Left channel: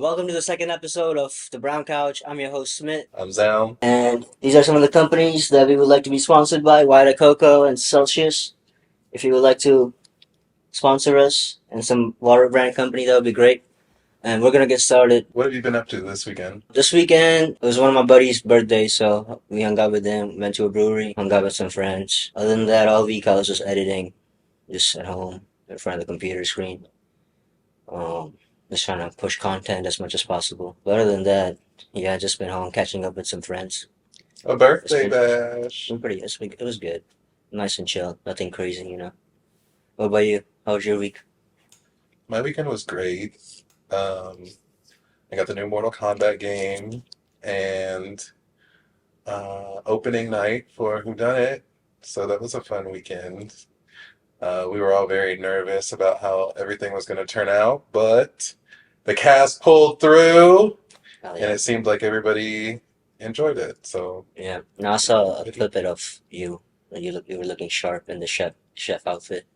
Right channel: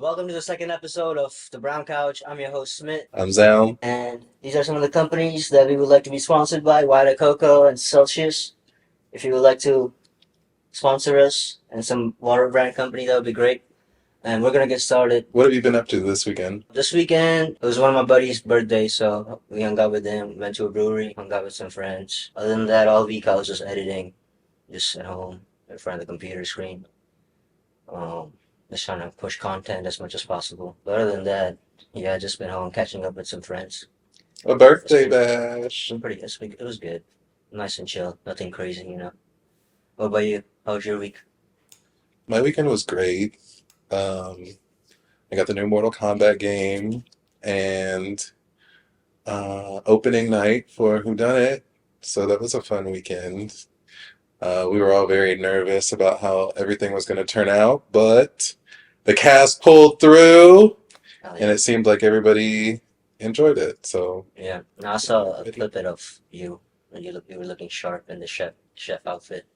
Welcome to the second episode of The Brown Couch. I'm your host, Smith. I'm Zal. And these are some of the companies that we would like to be sponsored by, White Cocoa and Celsius. If you would like to sponsor us and some water brand company, that would be great. And we're going to get started. What have you been up to this weekend? This weekend, it was one of my buddy's birthdays, so we hung out with him, went to a brewery, hung out with some friends. Other than that, all week I was just editing, just at home, in front of the computer screen. Um, just trying to push content as much as possible. But other than that, yeah, just been home catching up with some friends. A It's birthday been, bash. been pretty. It was good, nice and chill, nothing crazy. What about you? How was your week? My weekend was great. Um, I got the new Mortal Kombat game and opening night for Whodunit. So that was a fun weekend. We were all very nervous about how everything was going to turn out, but the cast pulled through, Oh and yeah, it seemed like everybody enjoyed it. So, yeah. And I saw a clip of you, and you were looking sharp in the chef outfit.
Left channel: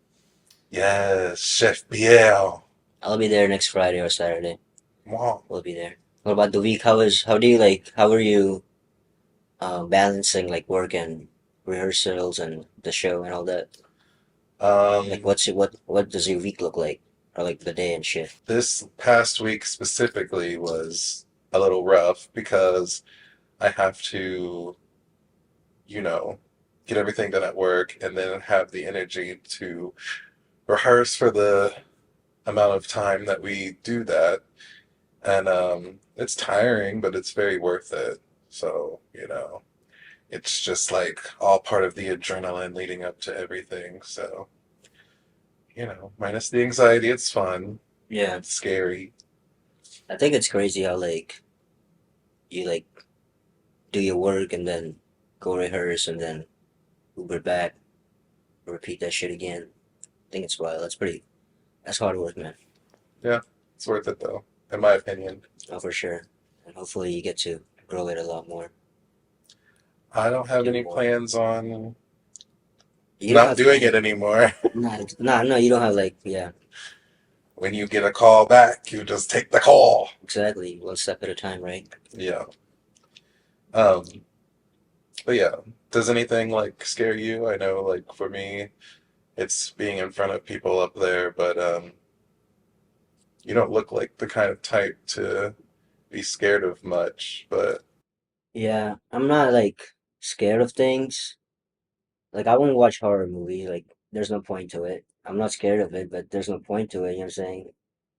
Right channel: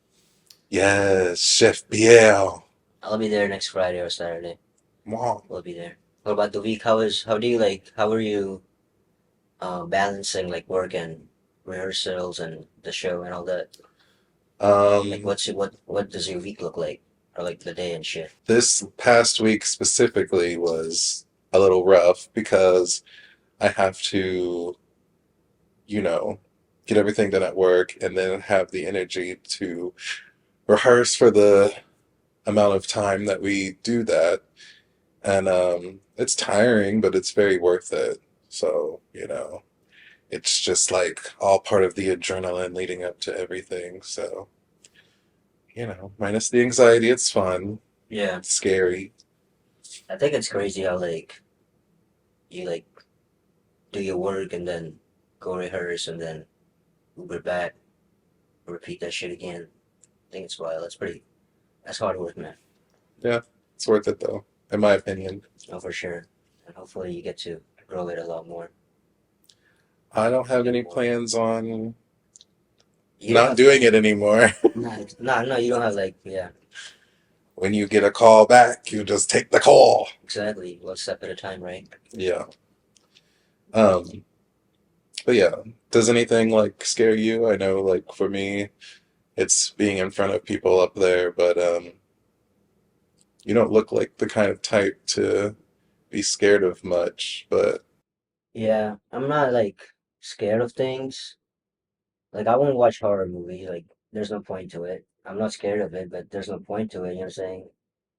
yes, Chef Biel. I'll be there next Friday or Saturday. Wow. We'll be there. What about the week? How are you balancing like work and rehearsals and the show and all that? Like, Um, what does your week look like, or like the day and shit? This past week specifically was a little rough because I have to, you know, get everything done at work and then have the energy to rehearse for the amount of time that we do that. And it's tiring, but it's very worth it. So, it's just like all part of the adrenaline leading up to everything. So, minus the anxiety, it's fun. Yeah, It's scary. I think it's crazy how you do your work and then go rehearse and then Uber back, repeat that shit again. I think it's wild. That's hard work, man. Yeah, it's worth it though, in my opinion. Oh, for sure. And hopefully you get to grow it a lot more, I don't have do any more. plans on You don't not have doing it any. anymore. No, you don't have like, yeah, When you get a call back, you just take the call. exactly. One step at a time, right? Yeah. Um, but yeah, does anything like scare you? I know like for me, it's being in front of people up there, but you don't look like the kind of type to be scared of much, but Yeah, I'm not like scared of things. Like I won't watch horror movie. Like there's no point to it. I'm not scared of it, but there's no point to it. You know what I'm saying?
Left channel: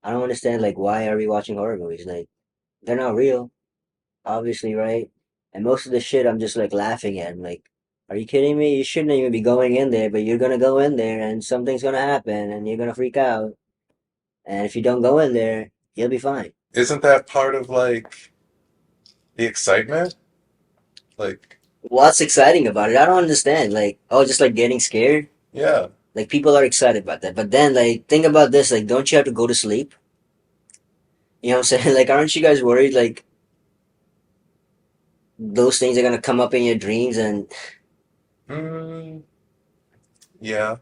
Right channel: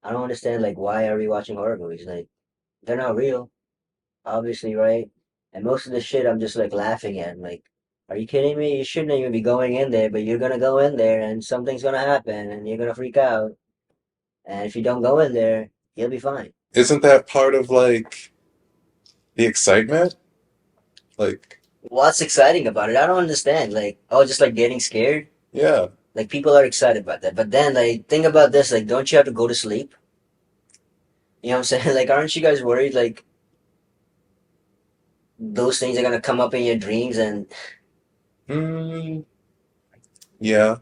I don't understand like why are we watching horror movies? Like they're not real, obviously, right? And most of the shit I'm just like laughing at. I'm like, are you kidding me? You shouldn't even be going in there, but you're gonna go in there and something's gonna happen and you're gonna freak out. And if you don't go in there, you'll be fine. isn't that part of like the excitement? Like, What's exciting about it? I don't understand. Like, oh, just like getting scared. yeah, Like people are excited about that. But then like think about this, like don't you have to go to sleep? You know what I'm saying? Like aren't you guys worried like those things are gonna come up in your dreams and mm, yeah.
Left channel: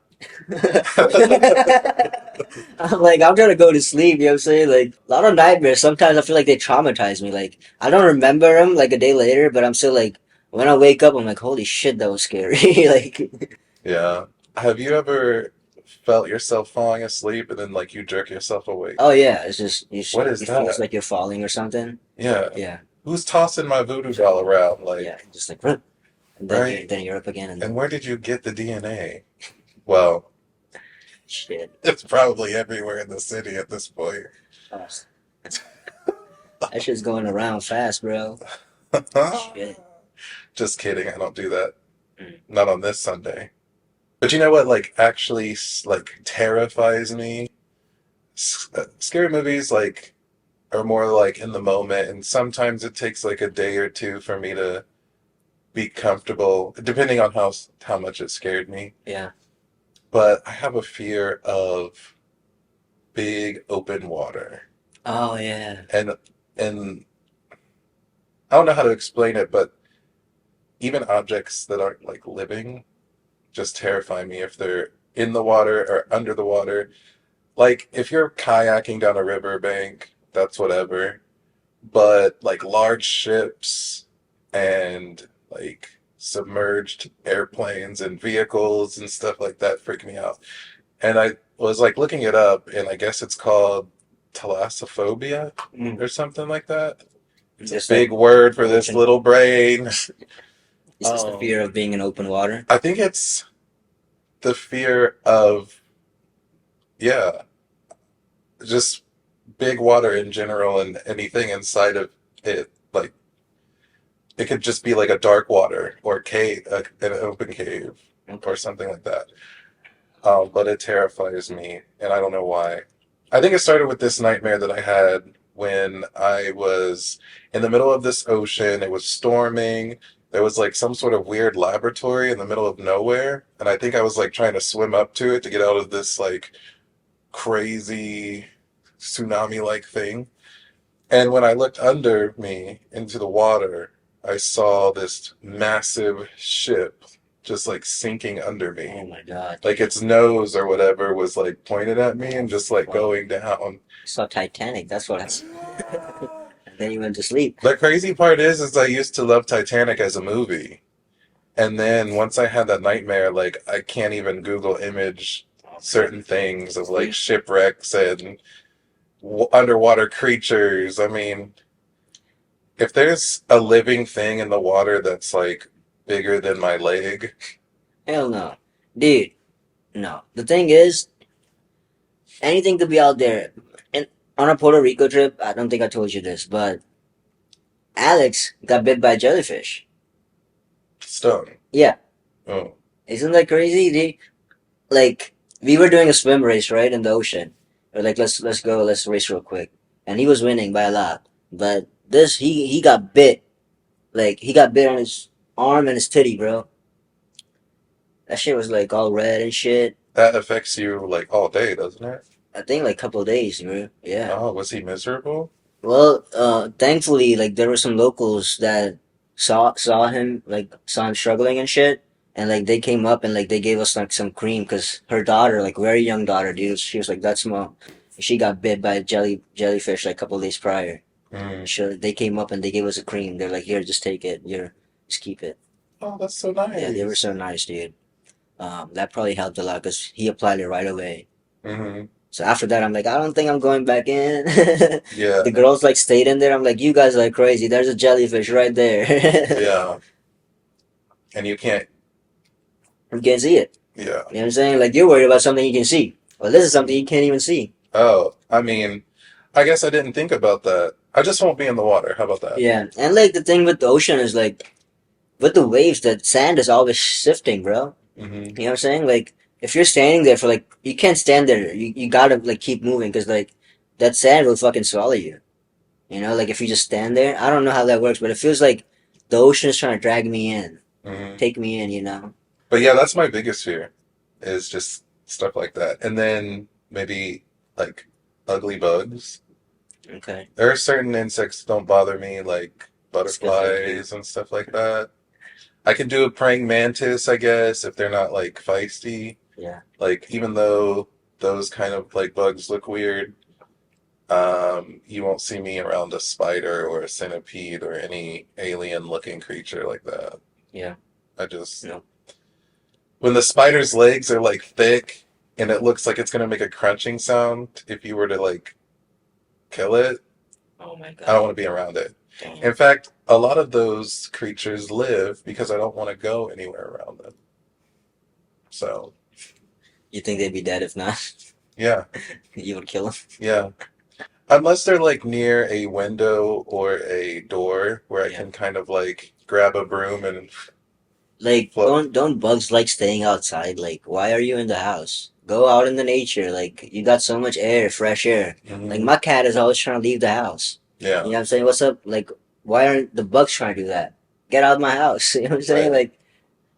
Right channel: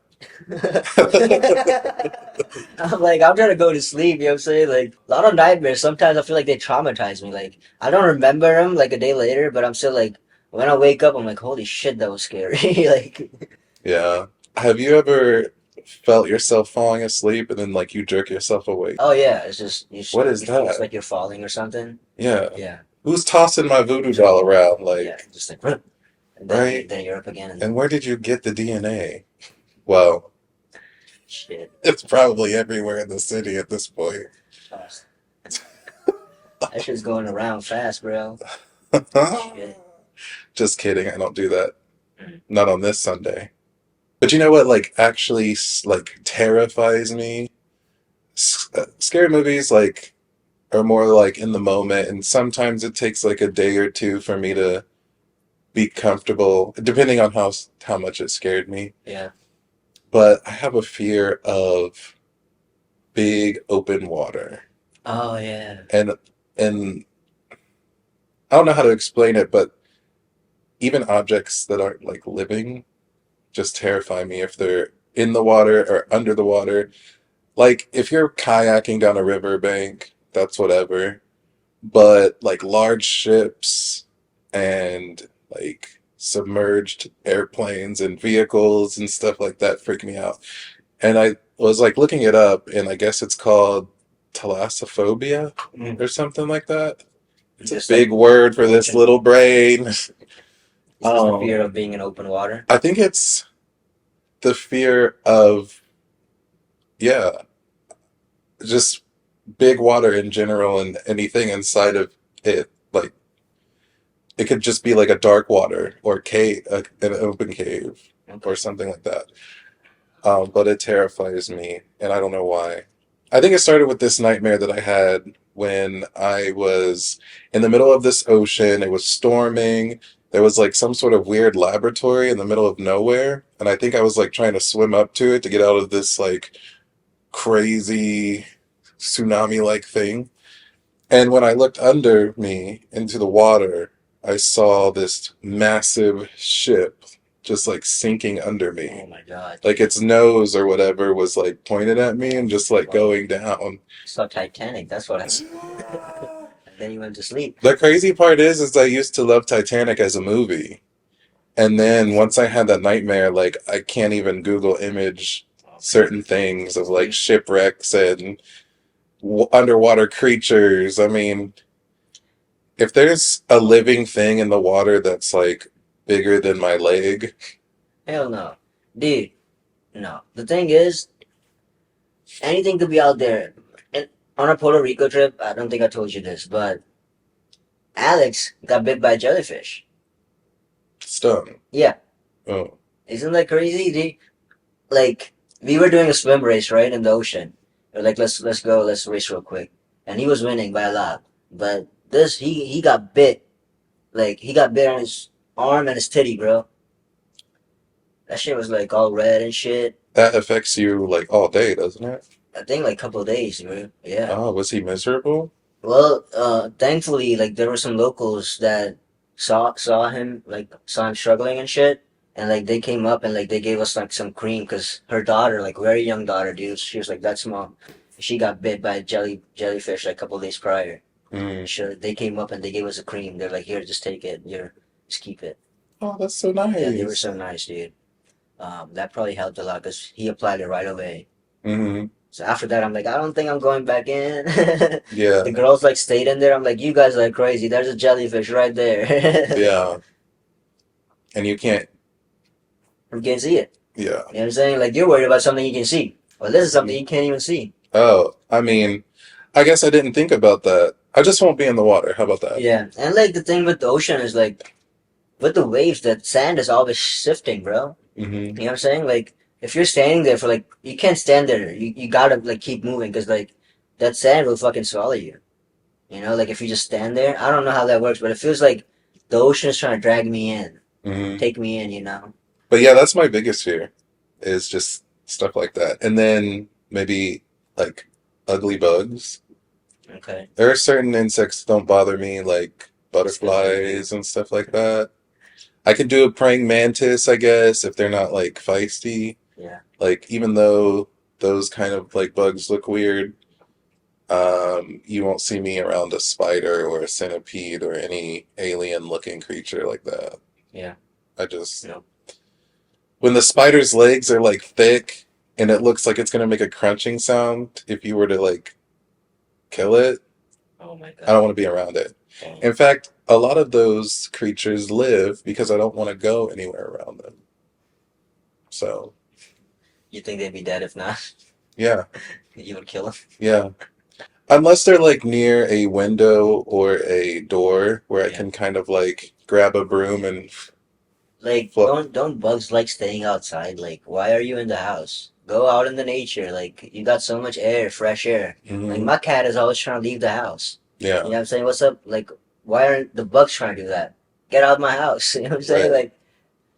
I'm like I'm trying to go to sleep, you know what I'm saying? Like a lot of nightmares, sometimes I feel like they traumatize me. Like I don't remember them like a day later, but I'm still like when I wake up I'm like, holy shit, that was scary. Like Yeah. Have you ever felt yourself falling asleep and then like you jerk yourself awake? oh yeah, it's just What is you feel it's that? like you're falling or something. Yeah. Yeah. Who's tossing my voodoo doll around? Yeah. Like, Just like and right? then you're up again and And where did you get the DNA? Well, shit. it's probably everywhere in the city at this point. Fast. That shit's going around fast, bro. Shit. Just kidding. I don't do that. Mm. Not on this Sunday. But you know what? Like, actually, like terrifies me. Scary movies like are more like in the moment, and sometimes it takes like a day or two for me to be comfortable, depending on how much it scared me. Yeah. But I have a fear of big open water, Oh yeah. and and I don't know how to explain it, but even objects that aren't like living just terrify me if they're in the water or under the water. Like if you're kayaking down a riverbank, that's whatever. but like large ships and like submerged airplanes and vehicles and stuff like that freak me out. And I was like looking it up, and I guess it's called thalassophobia or something like that. It's a Just like big word for this ocean. little brain. Is this the fear of being in open water? I think it's the fear of, yeah, just big water in general and anything inside of it. Like it could just be like a dark water or cave, an open cave or Okay. something like that. But it terrifies me, and I don't know why. I think it started with this nightmare that I had when I was in the middle of this ocean. It was storming. There was like some sort of weird laboratory in the middle of nowhere, and I think I was like trying to swim up to it to get out of this like crazy tsunami-like thing. And when I looked under me into the water, I saw this massive ship just like sinking under Oh me. my God, Like dude. its nose or whatever was like pointed at me and just like Well, going down. saw Titanic. That's what happened. And then you went to sleep. The crazy part is I used to love Titanic as a movie. And then once I had that nightmare, like I can't even Google image Oh man. certain things of like shipwrecks and underwater creatures. I mean, if there's a living thing in the water that's like bigger than my leg, Hell no, dude. No. The thing is, anything could be out there. And on a Puerto Rico trip, I don't think I told you this, but Alex got bit by a jellyfish. stung. Yeah, Oh, isn't that crazy? Like we were doing a swim race right in the ocean. We're like, let's go, let's race real quick, and he was winning by a lot. But this he got bit. Like he got bit on his arm and his titty, bro. That shit was like all red and shit. that affects you like all day, doesn't it? I think like couple days, bro. Yeah. Oh, was he miserable? Well, thankfully, like there were some locals that saw him struggling and shit, and like they came up and like they gave us like some cream because her daughter, like very young daughter, dude, she was like that small. She got bit by a jellyfish like a couple days prior. Mm. So they came up and they gave us a cream. They're like, here, just take it. Here, just keep it. Oh, that's so Yeah, they were nice. so nice, dude. That probably helped a lot because he applied it right away. Hmm. So after that, I'm like, I don't think I'm going back in. Yeah, The girls like stayed in there. I'm like, you guys are crazy. There's a jellyfish right there. yeah. And you can't, You can't see it. yeah. You know what I'm saying? Like you're worried about something you can see. Well, this is something you can't even see. Oh, I mean, I guess I didn't think about that. I just won't be in the water. How about that? Yeah, and like the thing with the ocean is like with the waves, that sand is always shifting, bro. Hmm. You know what I'm saying? Like if you're standing there for like, you can't stand there. You gotta like keep moving because like that sand will fucking swallow you. You know, like if you just stand there, I don't know how that works, but it feels like the ocean's trying to drag me in, Hmm. take me in. You know? But yeah, that's my biggest fear is just stuff like that. And then maybe like ugly bugs. Okay. There are certain insects that don't bother me, like Mosquitoes, dude. butterflies and stuff like that. I could do a praying mantis, I guess, if they're not like feisty. Yeah. Like even though those kind of like bugs look weird, you won't see me around a spider or a centipede or any alien looking creature like that. Yeah. I just No. when the spider's legs are like thick and it looks like it's gonna make a crunching sound if you were to like kill it, Oh my I don't god. want to be around it. Damn. In fact, a lot of those creatures live because I don't want to go anywhere around them. So, You think they'd be dead if not? yeah, You would kill them? yeah. Unless they're like near a window or a door where I Yeah. can kind of like grab a broom and Like, float. don't bugs like staying outside? Like, why are you in the house? Go out in the nature. Like, you got so much air, fresh air. Like, Hmm. my cat is always trying to leave the house. You know Yeah, what I'm saying? What's up? Like, why aren't the bugs trying to do that? Get out of my house. You know what I'm saying? right. Like,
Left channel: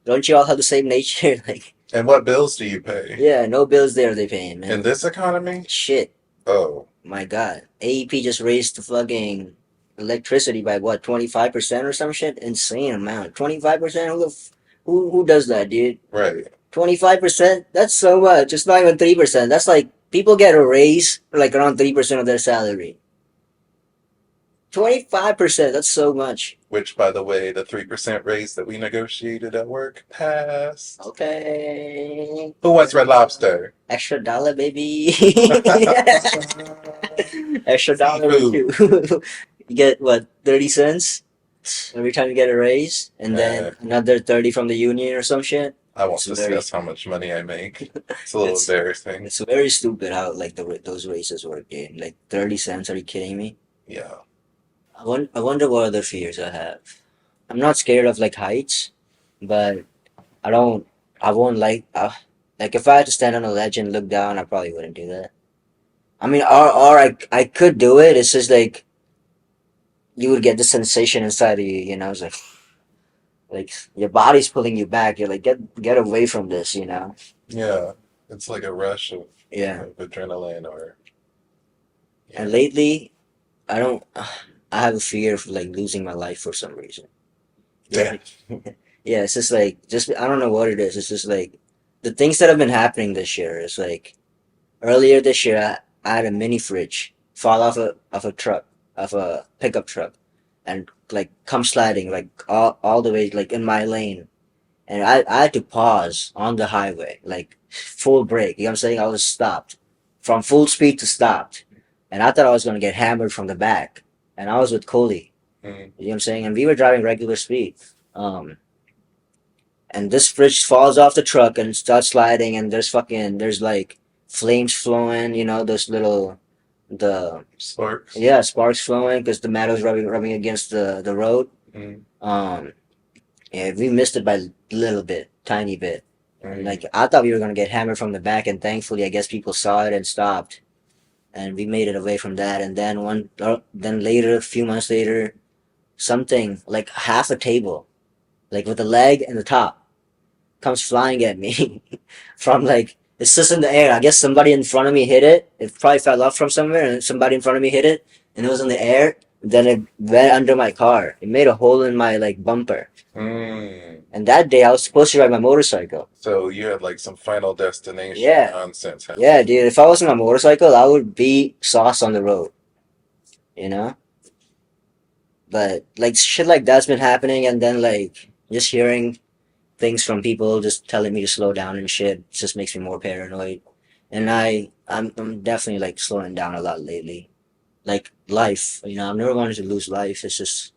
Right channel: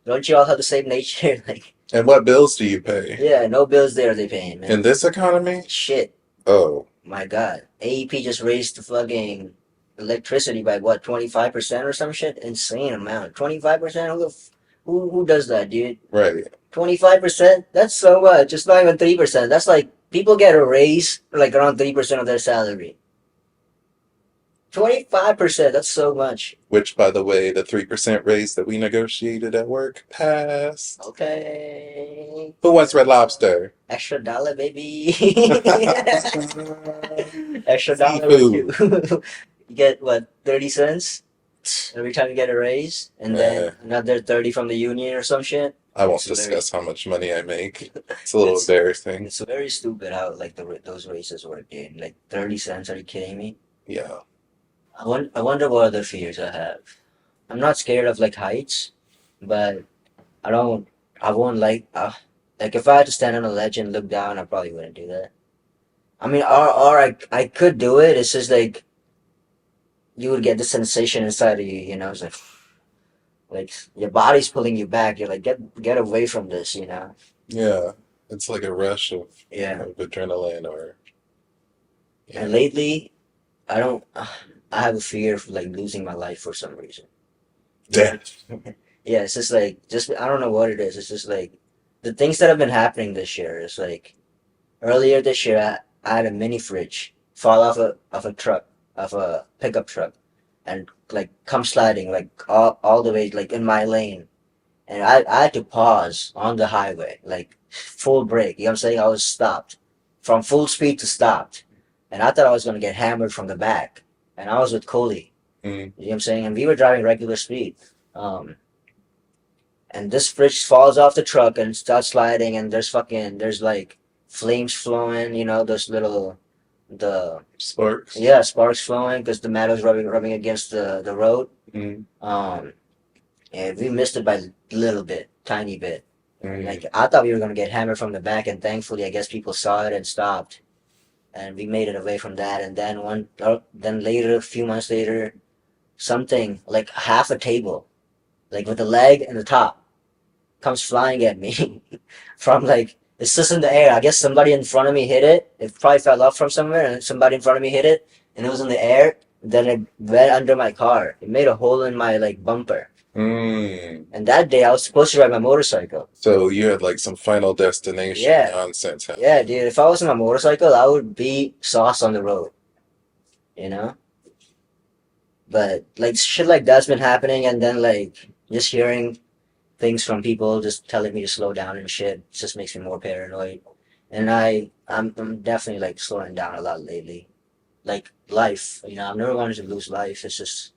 don't you all have the same nature? Like, And what bills do you pay? yeah, no bills there they paying, In man. this economy? Shit. Oh, My God. AEP just raised the fucking electricity by what, 25% or some shit? Insane amount. 25%? Who does that, dude? right. 25%? That's so much. It's not even 3%. That's like people get a raise like around 3% of their salary. 25%. That's so much. Which, by the way, the 3% raise that we negotiated at work passed. Okay. Who wants Red Lobster? Extra dollar, baby. Extra dollar or two. Seafood. You get what, 30 cents every time you get a raise, and Eh, then another 30 from the union or some shit. I won't It's very, discuss how much money I make. It's a little it's embarrassing. it's very stupid how like those raises work, dude. Like 30 cents. Are you kidding me? Yeah. I wonder what other fears I have. I'm not scared of like heights, but I don't. I won't like if I had to stand on a ledge and look down, I probably wouldn't do that. I mean, or I could do it. It's just like you would get the sensation inside of you. You know, it's like your body's pulling you back. You're like get away from this. You know. Yeah. It's like a rush Yeah. of adrenaline or, And yeah. lately, I don't. I have a fear of like losing my life for some reason. You know. Death. Yeah, it's just like just I don't know what it is. It's just like the things that have been happening this year. It's like earlier this year, I had a mini fridge fall off a truck, of a pickup truck, and like come sliding like all the way like in my lane, and I had to pause on the highway like full brake. You know what I'm saying? I was stopped from full speed to stopped, and I thought I was gonna get hammered from the back, and I was with Coley. Mm. You know what I'm saying? And we were driving regular speed. Um, and this fridge falls off the truck and starts sliding, and there's like flames flowing, you know, those little the Sparks. yeah, sparks flowing because the metal's rubbing against the road. Mm. um yeah, we missed it by a little bit, tiny bit. Mm. Like I thought we were gonna get hammered from the back, and thankfully I guess people saw it and stopped, and we made it away from that. And then then later, a few months later, something like half a table, like with a leg and the top, comes flying at me from like it's just in the air. I guess somebody in front of me hit it. It probably fell off from somewhere, and somebody in front of me hit it, and it was in the air. Then it went under my car. It made a hole in my like bumper. Mm. And that day, I was supposed to ride my motorcycle. So you had like some final destination Yeah, nonsense yeah, happening. dude. If I was on my motorcycle, I would be sauce on the road, you know. But like shit like that's been happening, and then like just hearing things from people just telling me to slow down and shit just makes me more paranoid. And I'm definitely like slowing down a lot lately. Like life, you know, I've never wanted to lose life. It's just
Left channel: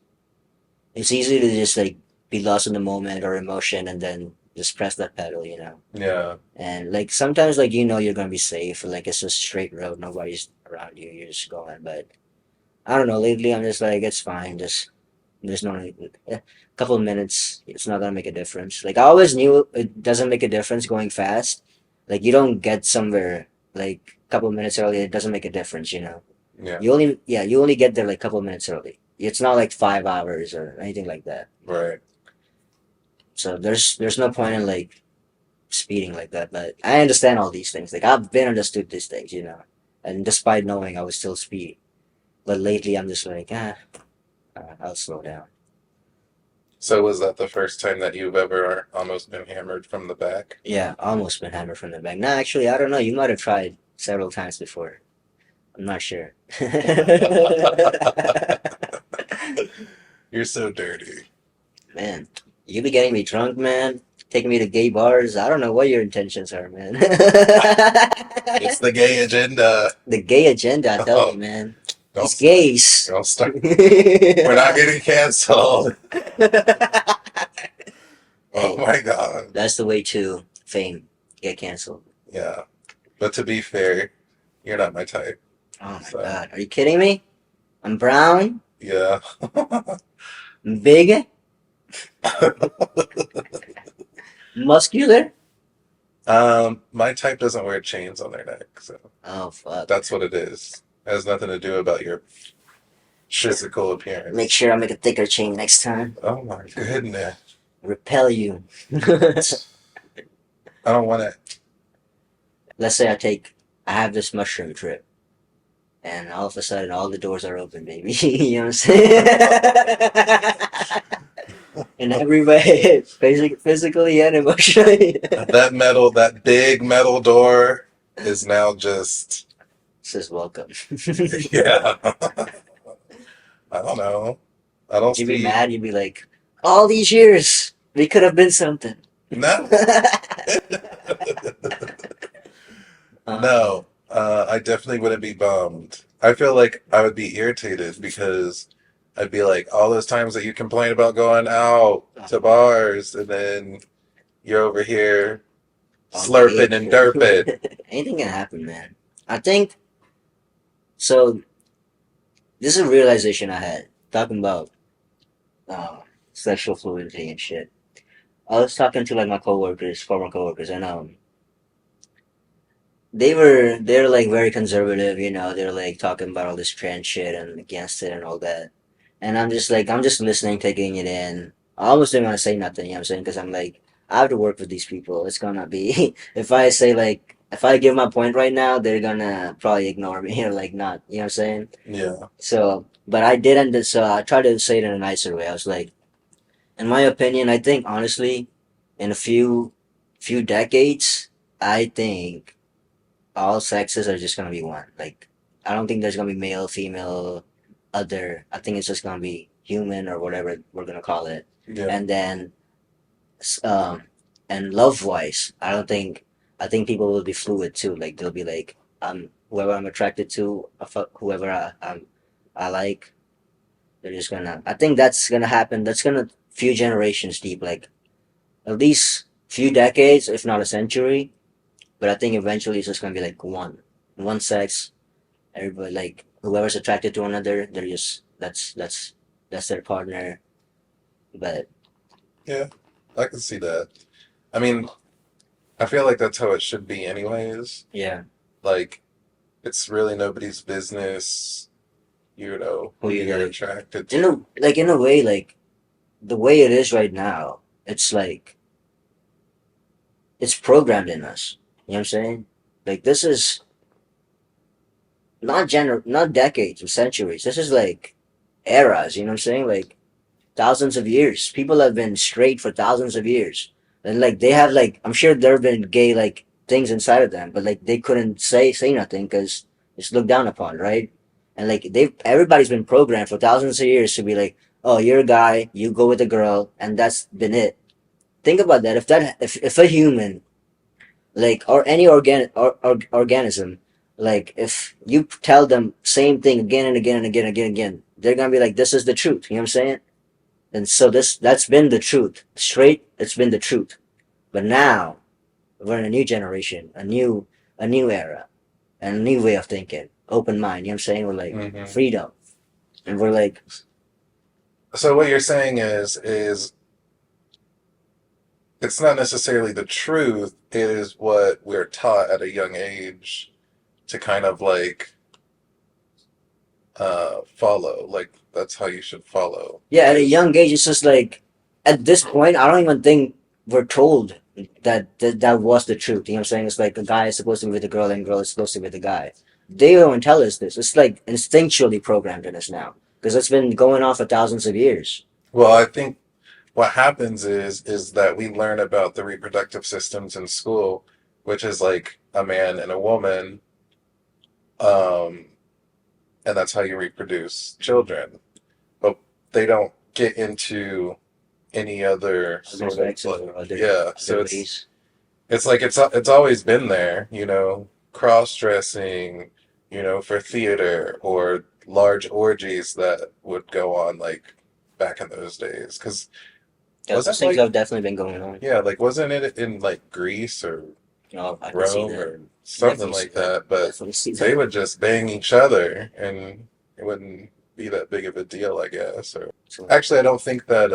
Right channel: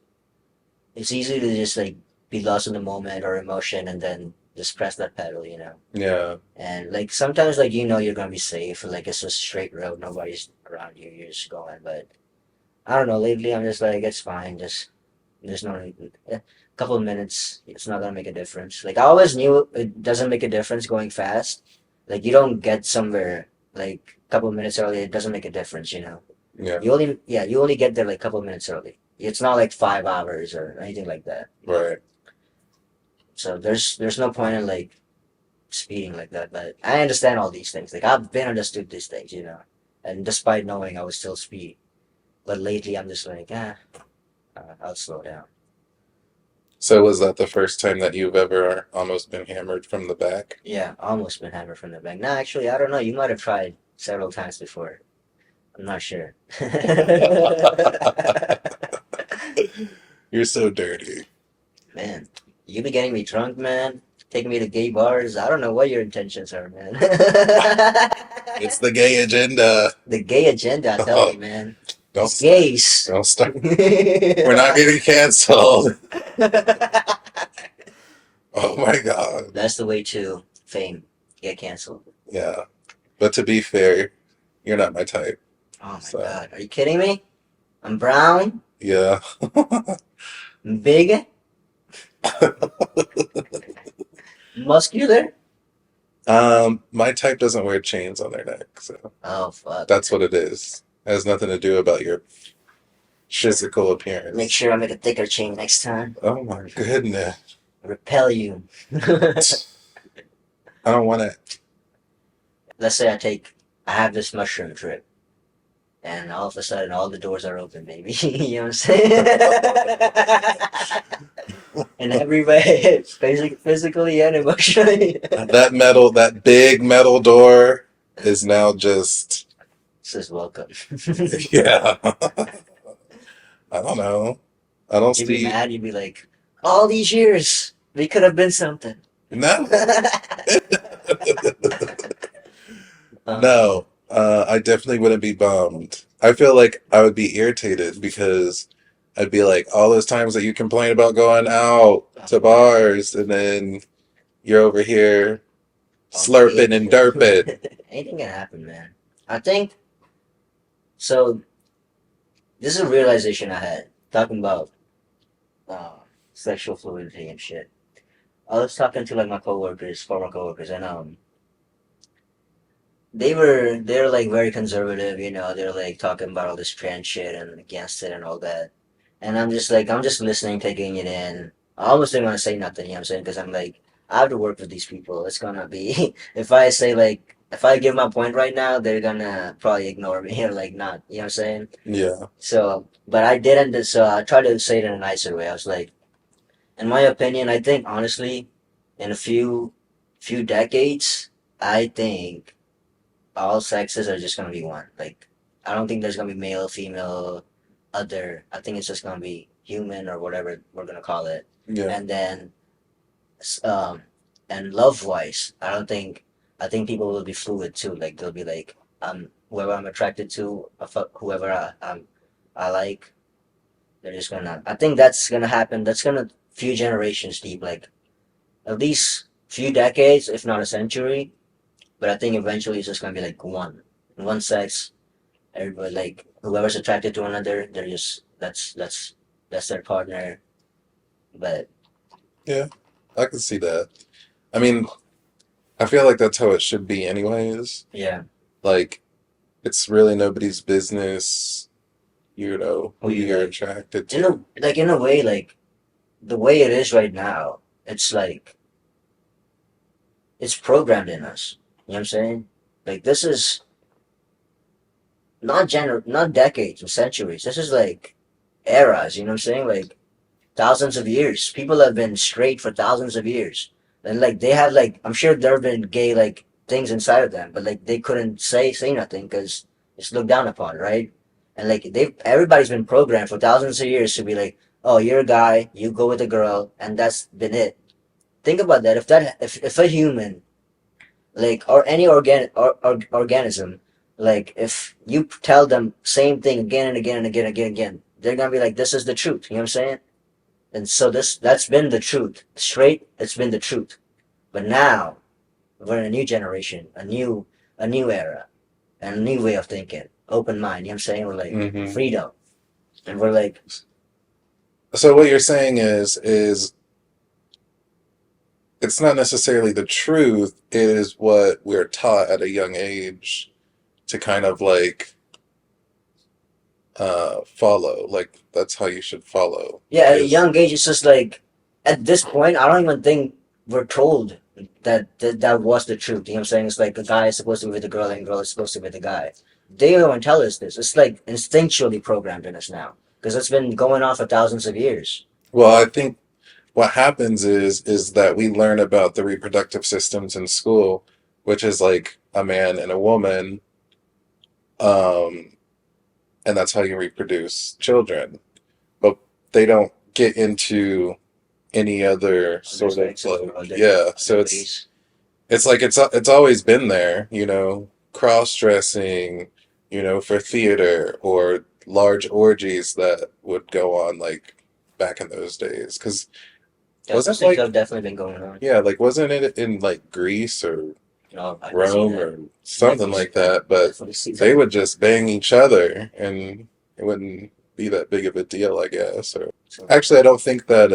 it's easy to just like be lost in the moment or emotion and then just press that pedal, you know. Yeah. And like sometimes like you know you're gonna be safe, like it's a straight road, nobody's around you, you're just going. But I don't know, lately I'm just like it's fine, just there's no need. A couple of minutes, it's not gonna make a difference. Like I always knew it doesn't make a difference going fast. Like you don't get somewhere like a couple of minutes early. It doesn't make a difference, you know. Yeah. You only get there like a couple of minutes early. It's not like 5 hours or anything like that. Right. So there's no point in like speeding like that. But I understand all these things. Like I've been understood these things, you know. And despite knowing, I would still speed. But lately, I'm just like I'll slow down. So was that the first time that you've ever almost been hammered from the back? Yeah, almost been hammered from the back. Nah, actually, I don't know. You might have tried several times before. I'm not sure. You're so dirty. Man, you be getting me drunk, man. Taking me to gay bars. I don't know what your intentions are, man. It's the gay agenda. The gay agenda, I tell you, man. Don't It's start. gays. Don't start. We're not getting canceled. Oh my God. That's the way to fame. Get canceled. Yeah. But to be fair, you're not my type. Oh my So, god. Are you kidding me? I'm brown, yeah. I'm big, muscular. My type doesn't wear chains on their neck, so Oh fuck. that's what it is. It has nothing to do about your physical Make appearance. sure I make a thicker chain next time. Oh my goodness. Repel you. I don't want it. Let's say I have this mushroom trip, and all of a sudden all the doors are open, baby. You know what I'm saying? In every way, physically and emotionally. That big metal door is now just, Says welcome. yeah. I don't know. I don't Would you be see. mad? You'd be like, all these years, we could have been something. No. uh, No. I definitely wouldn't be bummed. I feel like I would be irritated because I'd be like, all those times that you complain about going out to bars and then you're over here on key. slurping and derping. Anything can happen, man. I think so. This is a realization I had talking about uh, sexual fluidity and shit. I was talking to like my coworkers, former coworkers, and they're like very conservative, you know. They're like talking about all this trans shit and against it and all that. And I'm just like, I'm just listening, taking it in. I almost didn't want to say nothing, you know what I'm saying? Because I'm like, I have to work with these people. It's gonna be, if I say like, if I give my point right now, they're gonna probably ignore me or like not, you know what I'm saying? Yeah. So, but I didn't, so I tried to say it in a nicer way. I was like, in my opinion, I think honestly, in a few decades, I think all sexes are just gonna be one. Like, I don't think there's gonna be male, female, other. I think it's just gonna be human or whatever we're gonna call it. Yeah. And then, um, and love wise, I don't think. I think people will be fluid too. Like they'll be like, whoever I'm attracted to, whoever I like. They're just gonna. I think that's gonna happen. That's gonna few generations deep. Like at least few decades, if not a century. But I think eventually it's just gonna be like one sex. Everybody like whoever's attracted to another, they're just that's their partner. But Yeah. I can see that. I mean, I feel like that's how it should be anyways. yeah, Like, it's really nobody's business, who who you you're like attracted in to. a way like the way it is right now, it's like it's programmed in us. You know what I'm saying? Like this is not decades or centuries. This is like eras. You know what I'm saying? Like thousands of years. People have been straight for thousands of years, and like they have like I'm sure there have been gay like things inside of them, but like they couldn't say nothing because it's looked down upon, right? And like they everybody's been programmed for thousands of years to be like, oh, you're a guy, you go with a girl, and that's been it. Think about that. If a human like or any organism like if you tell them same thing again and again and again and again and again, they're gonna be like, this is the truth. You know what I'm saying? And so that's been the truth. Straight, it's been the truth. But now we're in a new generation, a new era, and a new way of thinking. Open mind, you know what I'm saying? We're like Hmm. freedom. And we're like, So what you're saying is it's not necessarily the truth, it is what we're taught at a young age to kind of like follow. Like that's how you should follow yeah, at a is young age, it's just like at this point, I don't even think we're told that was the truth. You know what I'm saying? It's like a guy is supposed to be with a girl and a girl is supposed to be with a guy. They don't tell us this. It's like instinctually programmed in us now because it's been going on for thousands of years. well, I think what happens is that we learn about the reproductive systems in school, which is like a man and a woman, um, and that's how you reproduce children. But they don't get into any other Other sort of sexes like or yeah. other So ways. it's like it's always been there, cross dressing, for theater or large orgies that would go on like back in those days. Because Yeah, those wasn't things like have definitely been going on. yeah, like wasn't it in like Greece or Oh, I can see Rome that. or something Definitely, like that? But definitely see they that. would just bang each other and it wouldn't be that big of a deal, I guess. Or So, actually, I don't think that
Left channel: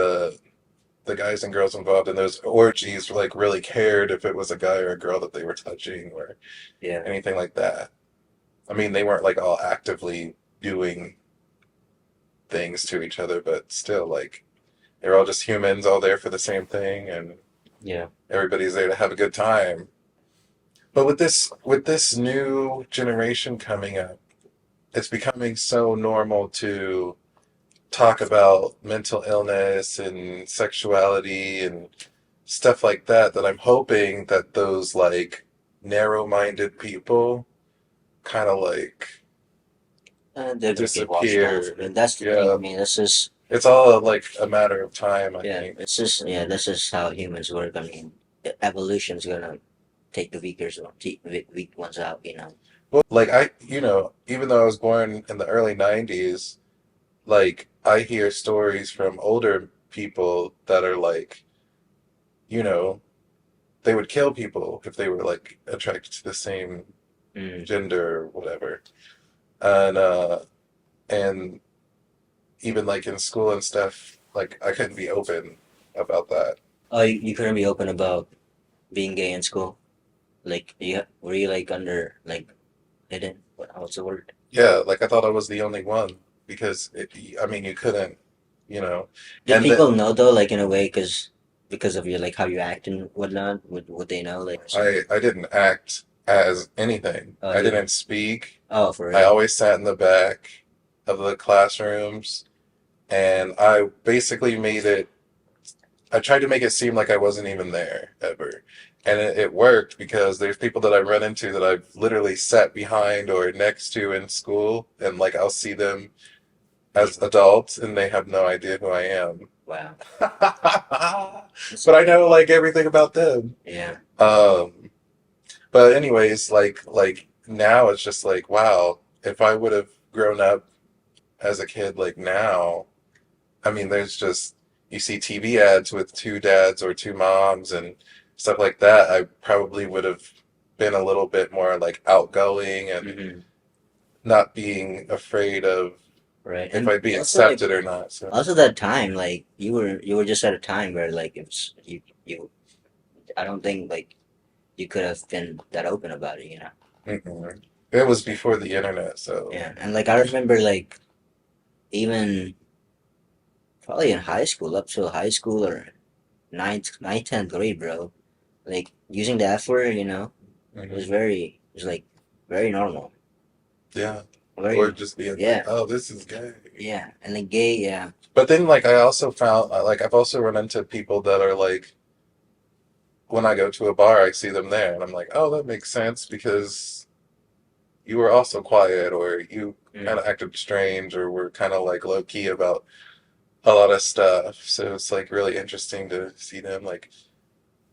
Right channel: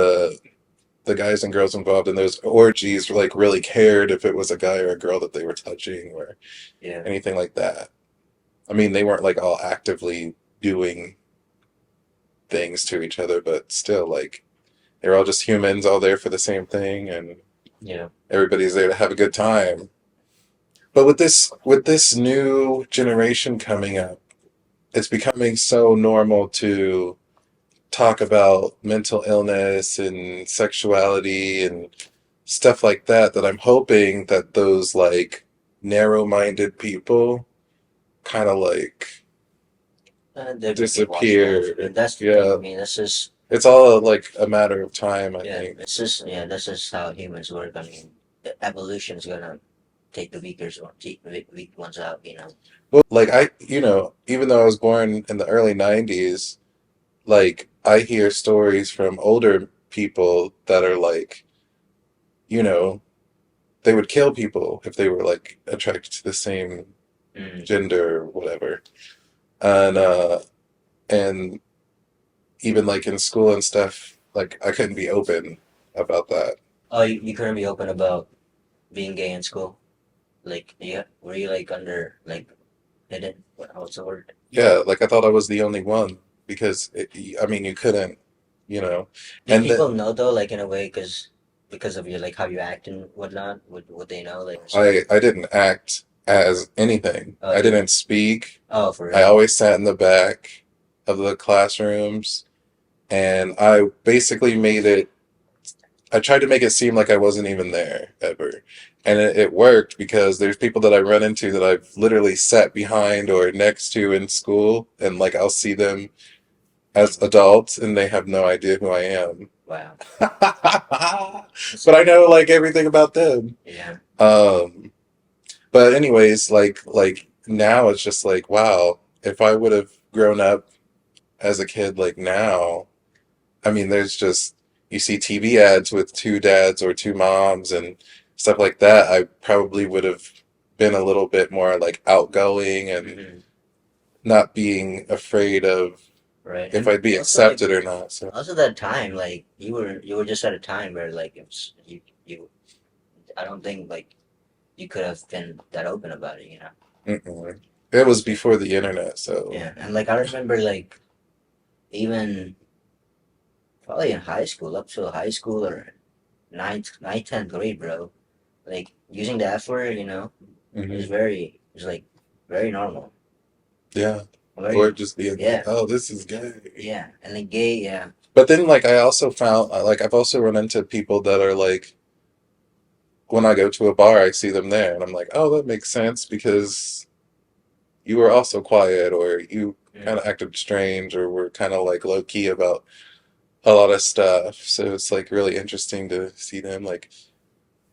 the guys and girls involved in those orgies like really cared if it was a guy or a girl that they were touching or yeah, anything like that. I mean, they weren't like all actively doing things to each other, but still, like they're all just humans, all there for the same thing, and yeah. everybody's there to have a good time. But with this new generation coming up, it's becoming so normal to talk about mental illness and sexuality and stuff like that that I'm hoping that those like narrow-minded people kind of like They're gonna get washed off. I disappear. mean, that's the thing. I Yeah, mean, this is it's all like a matter of time, I yeah, think. it's just yeah, this is how humans work. I mean, evolution's gonna take the weak ones out. You know. Well, like even though I was born in the early 90s, like I hear stories from older people that are like, you know, they would kill people if they were like attracted to the same Mm. gender or whatever. And even like in school and stuff, like I couldn't be open about that. Oh, you couldn't be open about being gay in school. Like, were you like under like hidden? What's the word? Yeah, like I thought I was the only one because I mean, you couldn't, you know, Did and people know though, like in a way, because of your like how you act and whatnot? Would they know like or something? I didn't act as anything. Oh, I you didn't didn't. speak. Oh, for I real? always sat in the back of the classrooms, and I basically made it. I tried to make it seem like I wasn't even there ever. And it worked because there's people that I run into that I've literally sat behind or next to in school, and like I'll see them as adults and they have no idea who I am. Wow. But I know like everything about them. Yeah. Um, but anyways, like now it's just like, wow, if I would have grown up as a kid like now, I mean, there's just you see TV ads with two dads or two moms and stuff like that. I probably would have been a little bit more like outgoing and Hmm. not being afraid of Right. if And I'd be also like accepted or not. So, also that time, like you were just at a time where like it's you I don't think like you could have been that open about it, you know. mm-mm. It was before the internet, so Yeah. And like I remember like even probably in high school, up to high school or ninth, 10th grade, bro. Like using the F word, you know, hmm it was like very normal. yeah. Or Very, just being like, yeah, oh, this is gay. yeah. And like gay, yeah. But then, like, I also found, like, I've also run into people that are like, when I go to a bar, I see them there, and I'm like, oh, that makes sense because you were also quiet, or you kind Mm. of acted strange, or were kind of like low key about a lot of stuff. So it's like really interesting to see them. Like,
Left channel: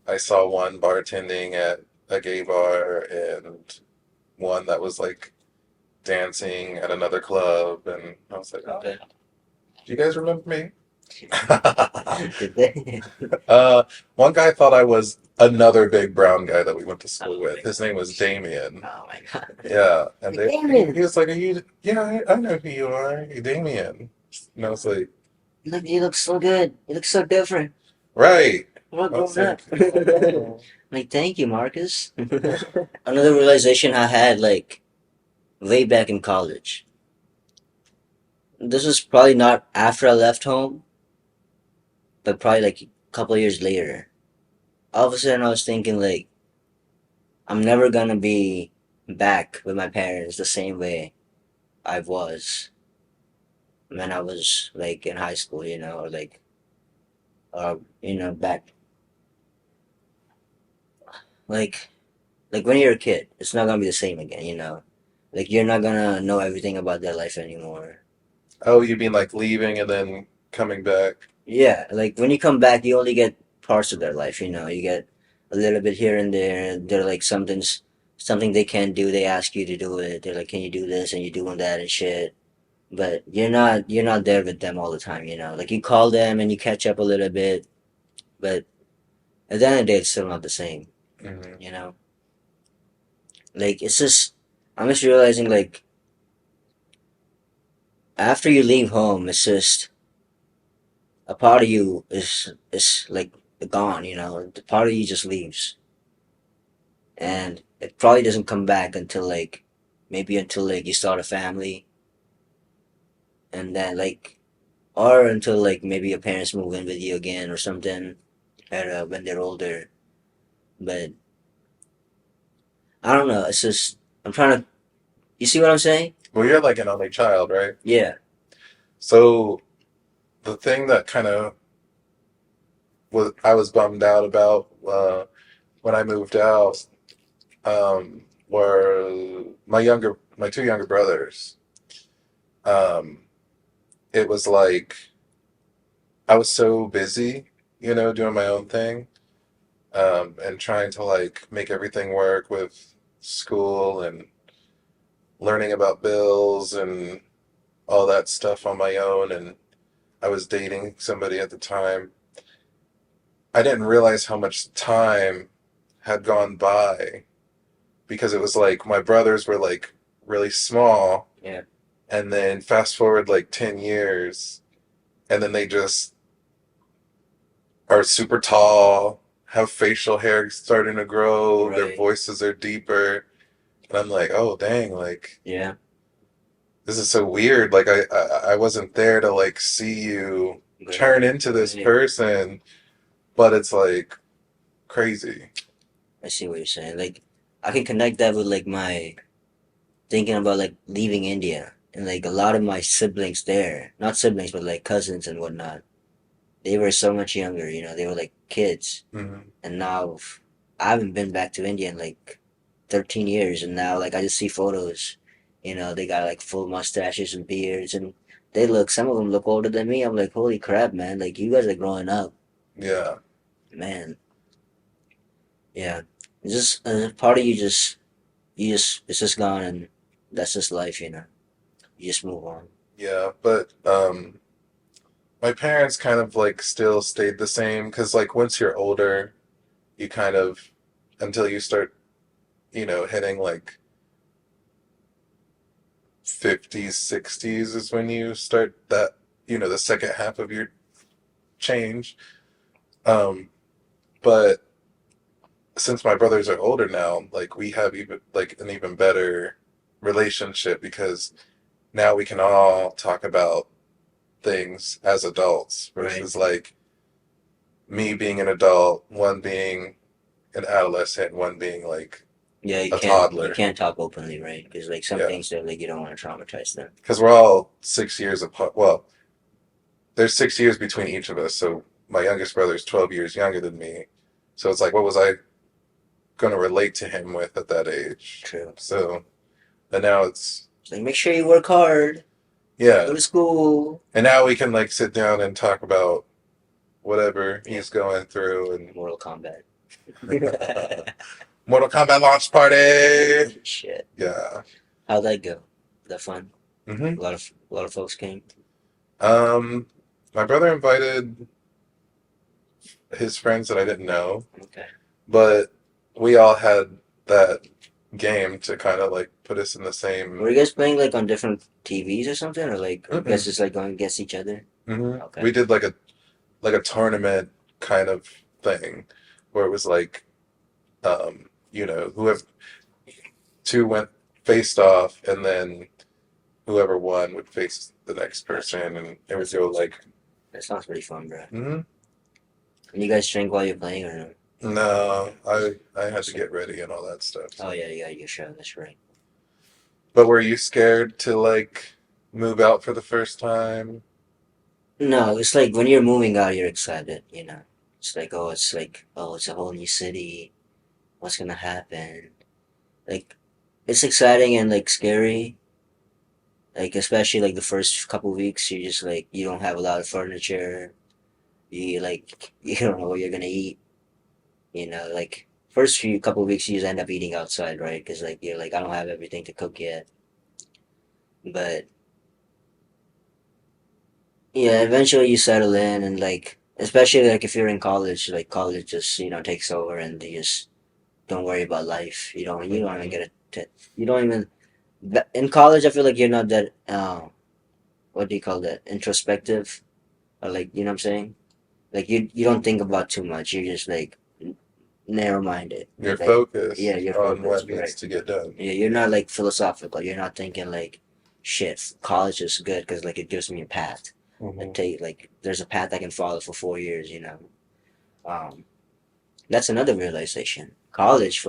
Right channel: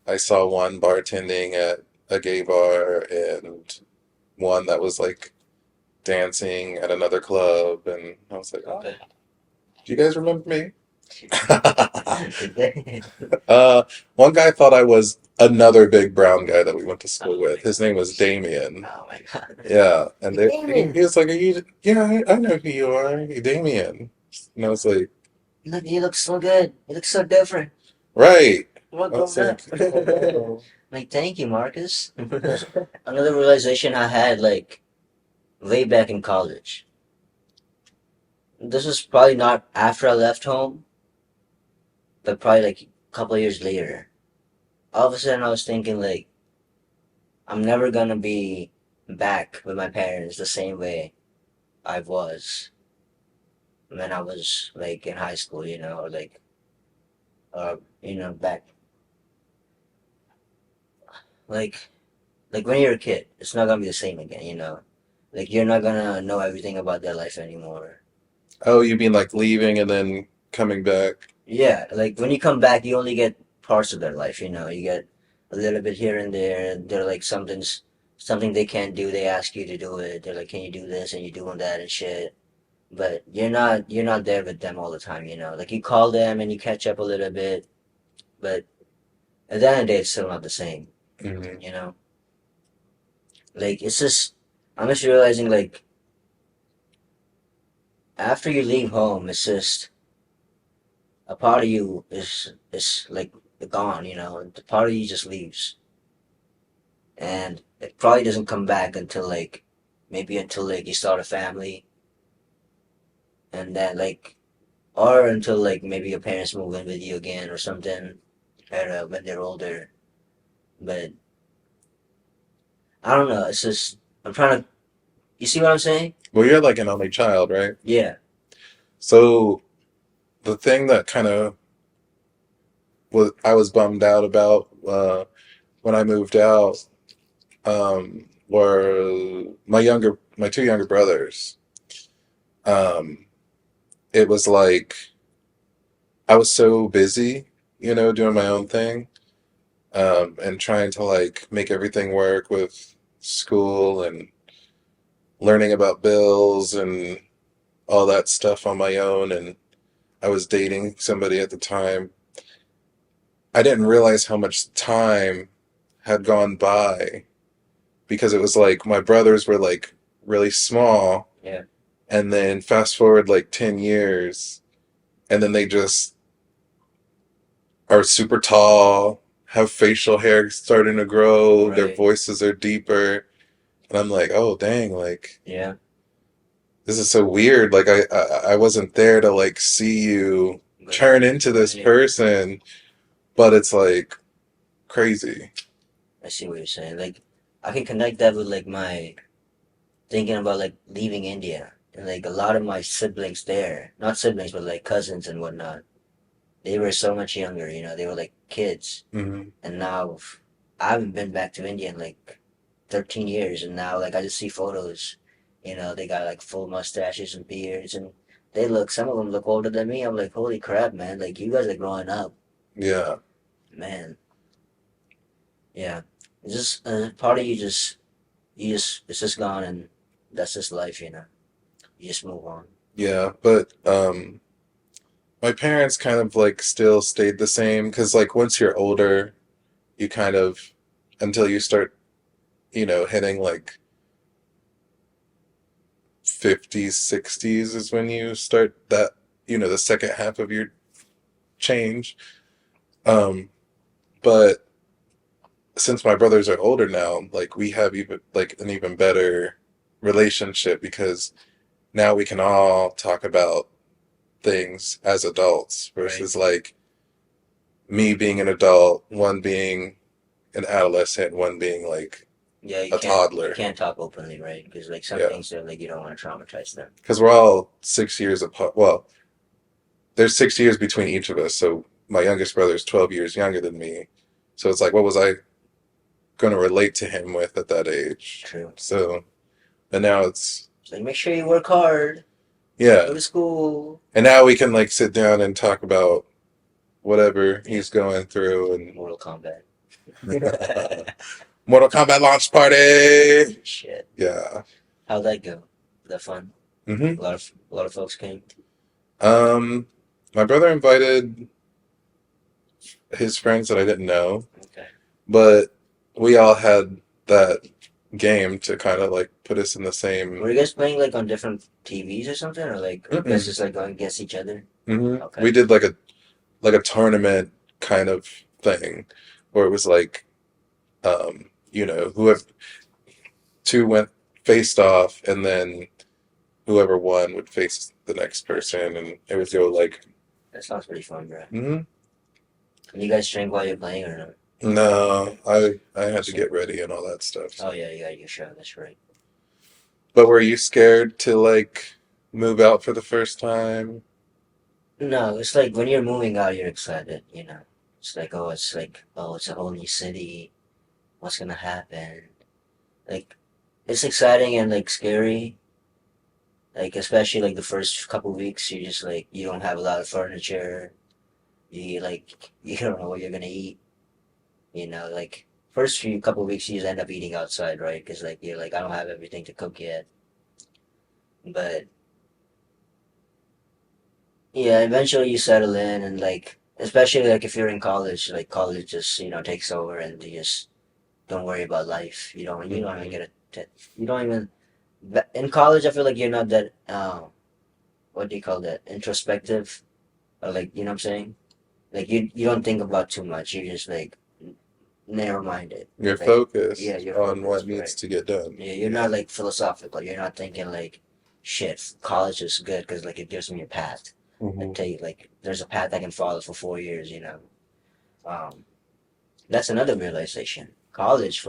I saw one bartending at a gay bar, and one that was like dancing at another club, and I was like, oh, Okay. do you guys remember me? Did they? uh, one guy thought I was another big brown guy that we went to school Oh with. my His name was gosh. Damien. Oh my god. Yeah, and he Damon, was like, "Are you? Yeah, I know who you are, Damien." And I was like, you look so good. You look so different. "Right." All I was grown like, up. "Oh no." Like, thank you, Marcus. Another realization I had, like, way back in college. This was probably not after I left home, but probably like a couple of years later. All of a sudden, I was thinking, like, I'm never gonna be back with my parents the same way I was when I was, like, in high school, you know, or like, back, like, like when you're a kid, it's not gonna be the same again, you know. Like, you're not gonna know everything about their life anymore. Oh, you mean like leaving and then coming back? Yeah, like when you come back, you only get parts of their life. You know, you get a little bit here and there. They're like something they can't do. They ask you to do it. They're like, "Can you do this?" And you're doing that and shit. But you're not there with them all the time. You know, like you call them and you catch up a little bit, but at the end of the day, it's still not the same. hmm You know, like it's just I'm just realizing like after you leave home, it's just a part of you is like gone. You know, the part of you just leaves and it probably doesn't come back until like maybe until like you start a family and then like or until like maybe your parents move in with you again or something when they're older. But I don't know, it's just I'm trying to you see what I'm saying? Well, you're like an only child, right? Yeah. So the thing that kind of was I was bummed out about when I moved out were my two younger brothers. Um, it was like I was so busy, doing my own thing, and trying to like make everything work with school and learning about bills and all that stuff on my own. And I was dating somebody at the time. I didn't realize how much time had gone by because it was like my brothers were like really small, Yeah. and then fast forward like 10 years, and then they just are super tall, have facial hair starting to grow, their Right. voices are deeper. And I'm like, oh, dang, like, Yeah. this is so weird. Like, I wasn't there to like see you Right. turn into this Right. person, but it's like crazy. I see what you're saying. Like, I can connect that with like my thinking about like leaving India and like a lot of my siblings there, not siblings, but like cousins and whatnot. They were so much younger, they were like kids. Hmm. And now I haven't been back to India in like 13 years. And now like I just see photos, they got like full mustaches and beards and some of them look older than me. I'm like, holy crap, man. Like you guys are growing up, Yeah. man. Yeah. It's just part of it's just gone and that's just life. You just move on. Yeah. But my parents kind of like still stayed the same because like once you're older, you kind of, until you start, hitting like 50s, 60s is when you start that, the second half of your change. Um, but since my brothers are older now, like we have even like an even better relationship because now we can all talk about things as adults Right. versus like me being an adult, one being an adolescent, one being like Yeah, you a can't you toddler. can't talk openly, right? Because like some Yeah. things that like you don't want to traumatize them. Because we're all 6 years apart. Well, there's 6 years between each of us. So my youngest brother is 12 years younger than me. So it's like, what was I going to relate to him with at that age? True. So, and now it's, It's like make sure you work hard, go yeah. to school. And now we can like sit down and talk about whatever Yeah, he's going through and Mortal Kombat. Mortal Kombat launch party. Shit. Yeah. How'd that go? Was that fun? Hmm. A lot of folks came. Um, my brother invited his friends that I didn't know, Okay. but we all had that game to kind of like put us in the Were same. you guys playing like on different TVs or something, or like you guys Mm-mm. just like going against each other? Okay. We did like a tournament kind of thing where it was like whoever two went faced off and then whoever won would face the next Gotcha. person and it would That's go awesome. like. That sounds pretty fun, bro. Hmm. And you guys drink while you're playing or no? No, I had to Awesome. get ready and all that stuff. Oh yeah, you got your show. That's right. But were you scared to like move out for the first time? No, it's like when you're moving out, you're excited. It's like, oh, it's a whole new city. What's gonna happen? Like, it's exciting and like scary. Like, especially like the first couple weeks, you just like you don't have a lot of furniture. You like you don't know what you're gonna eat. Like first few couple weeks, you just end up eating outside, right? Because like you're like I don't have everything to cook yet. But yeah, eventually you settle in and like especially like if you're in college, like college just takes over and you just don't worry about life. You don't even Hmm. get you don't even in college. I feel like you're not that what do you call that, introspective, or like you know what I'm saying. Like you don't think about too much. You're just like narrow minded. You're Like focused yeah, you're on what focused, needs right? to get done. Yeah, you're not like philosophical. You're not thinking like shit. College is good because like it gives me a path. Hmm. Like there's a path I can follow for 4 years. Um, that's another realization. College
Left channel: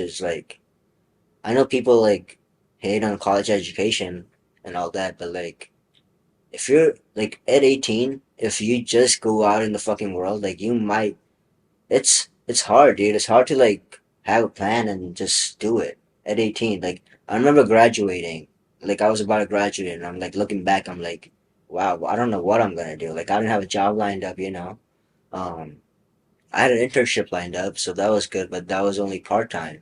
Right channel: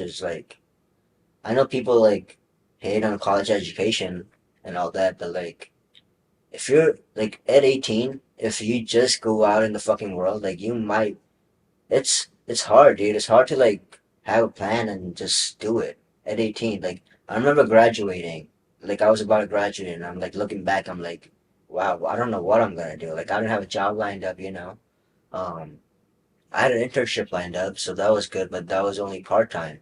is like I know people like hate on college education and all that, but like if you're like at 18, if you just go out in the fucking world, like you might it's hard, dude. It's hard to like have a plan and just do it at 18. Like I remember graduating like I was about to graduate, and I'm like looking back, I'm like, wow, I don't know what I'm gonna do. Like I didn't have a job lined up, you know. Um, I had an internship lined up, so that was good, but that was only part time.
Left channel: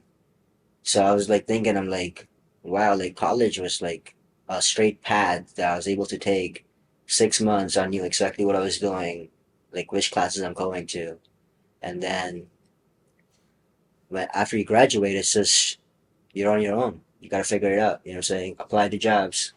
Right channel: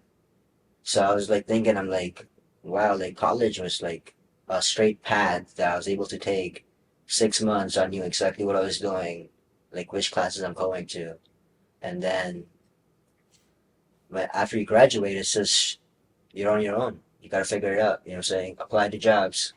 So I was like thinking, I'm like, wow, like college was like a straight path that I was able to take. 6 months, I knew exactly what I was doing, like which classes I'm going to, and then when after you graduate, it's just you're on your own. You gotta figure it out. You know what I'm saying? Apply to jobs.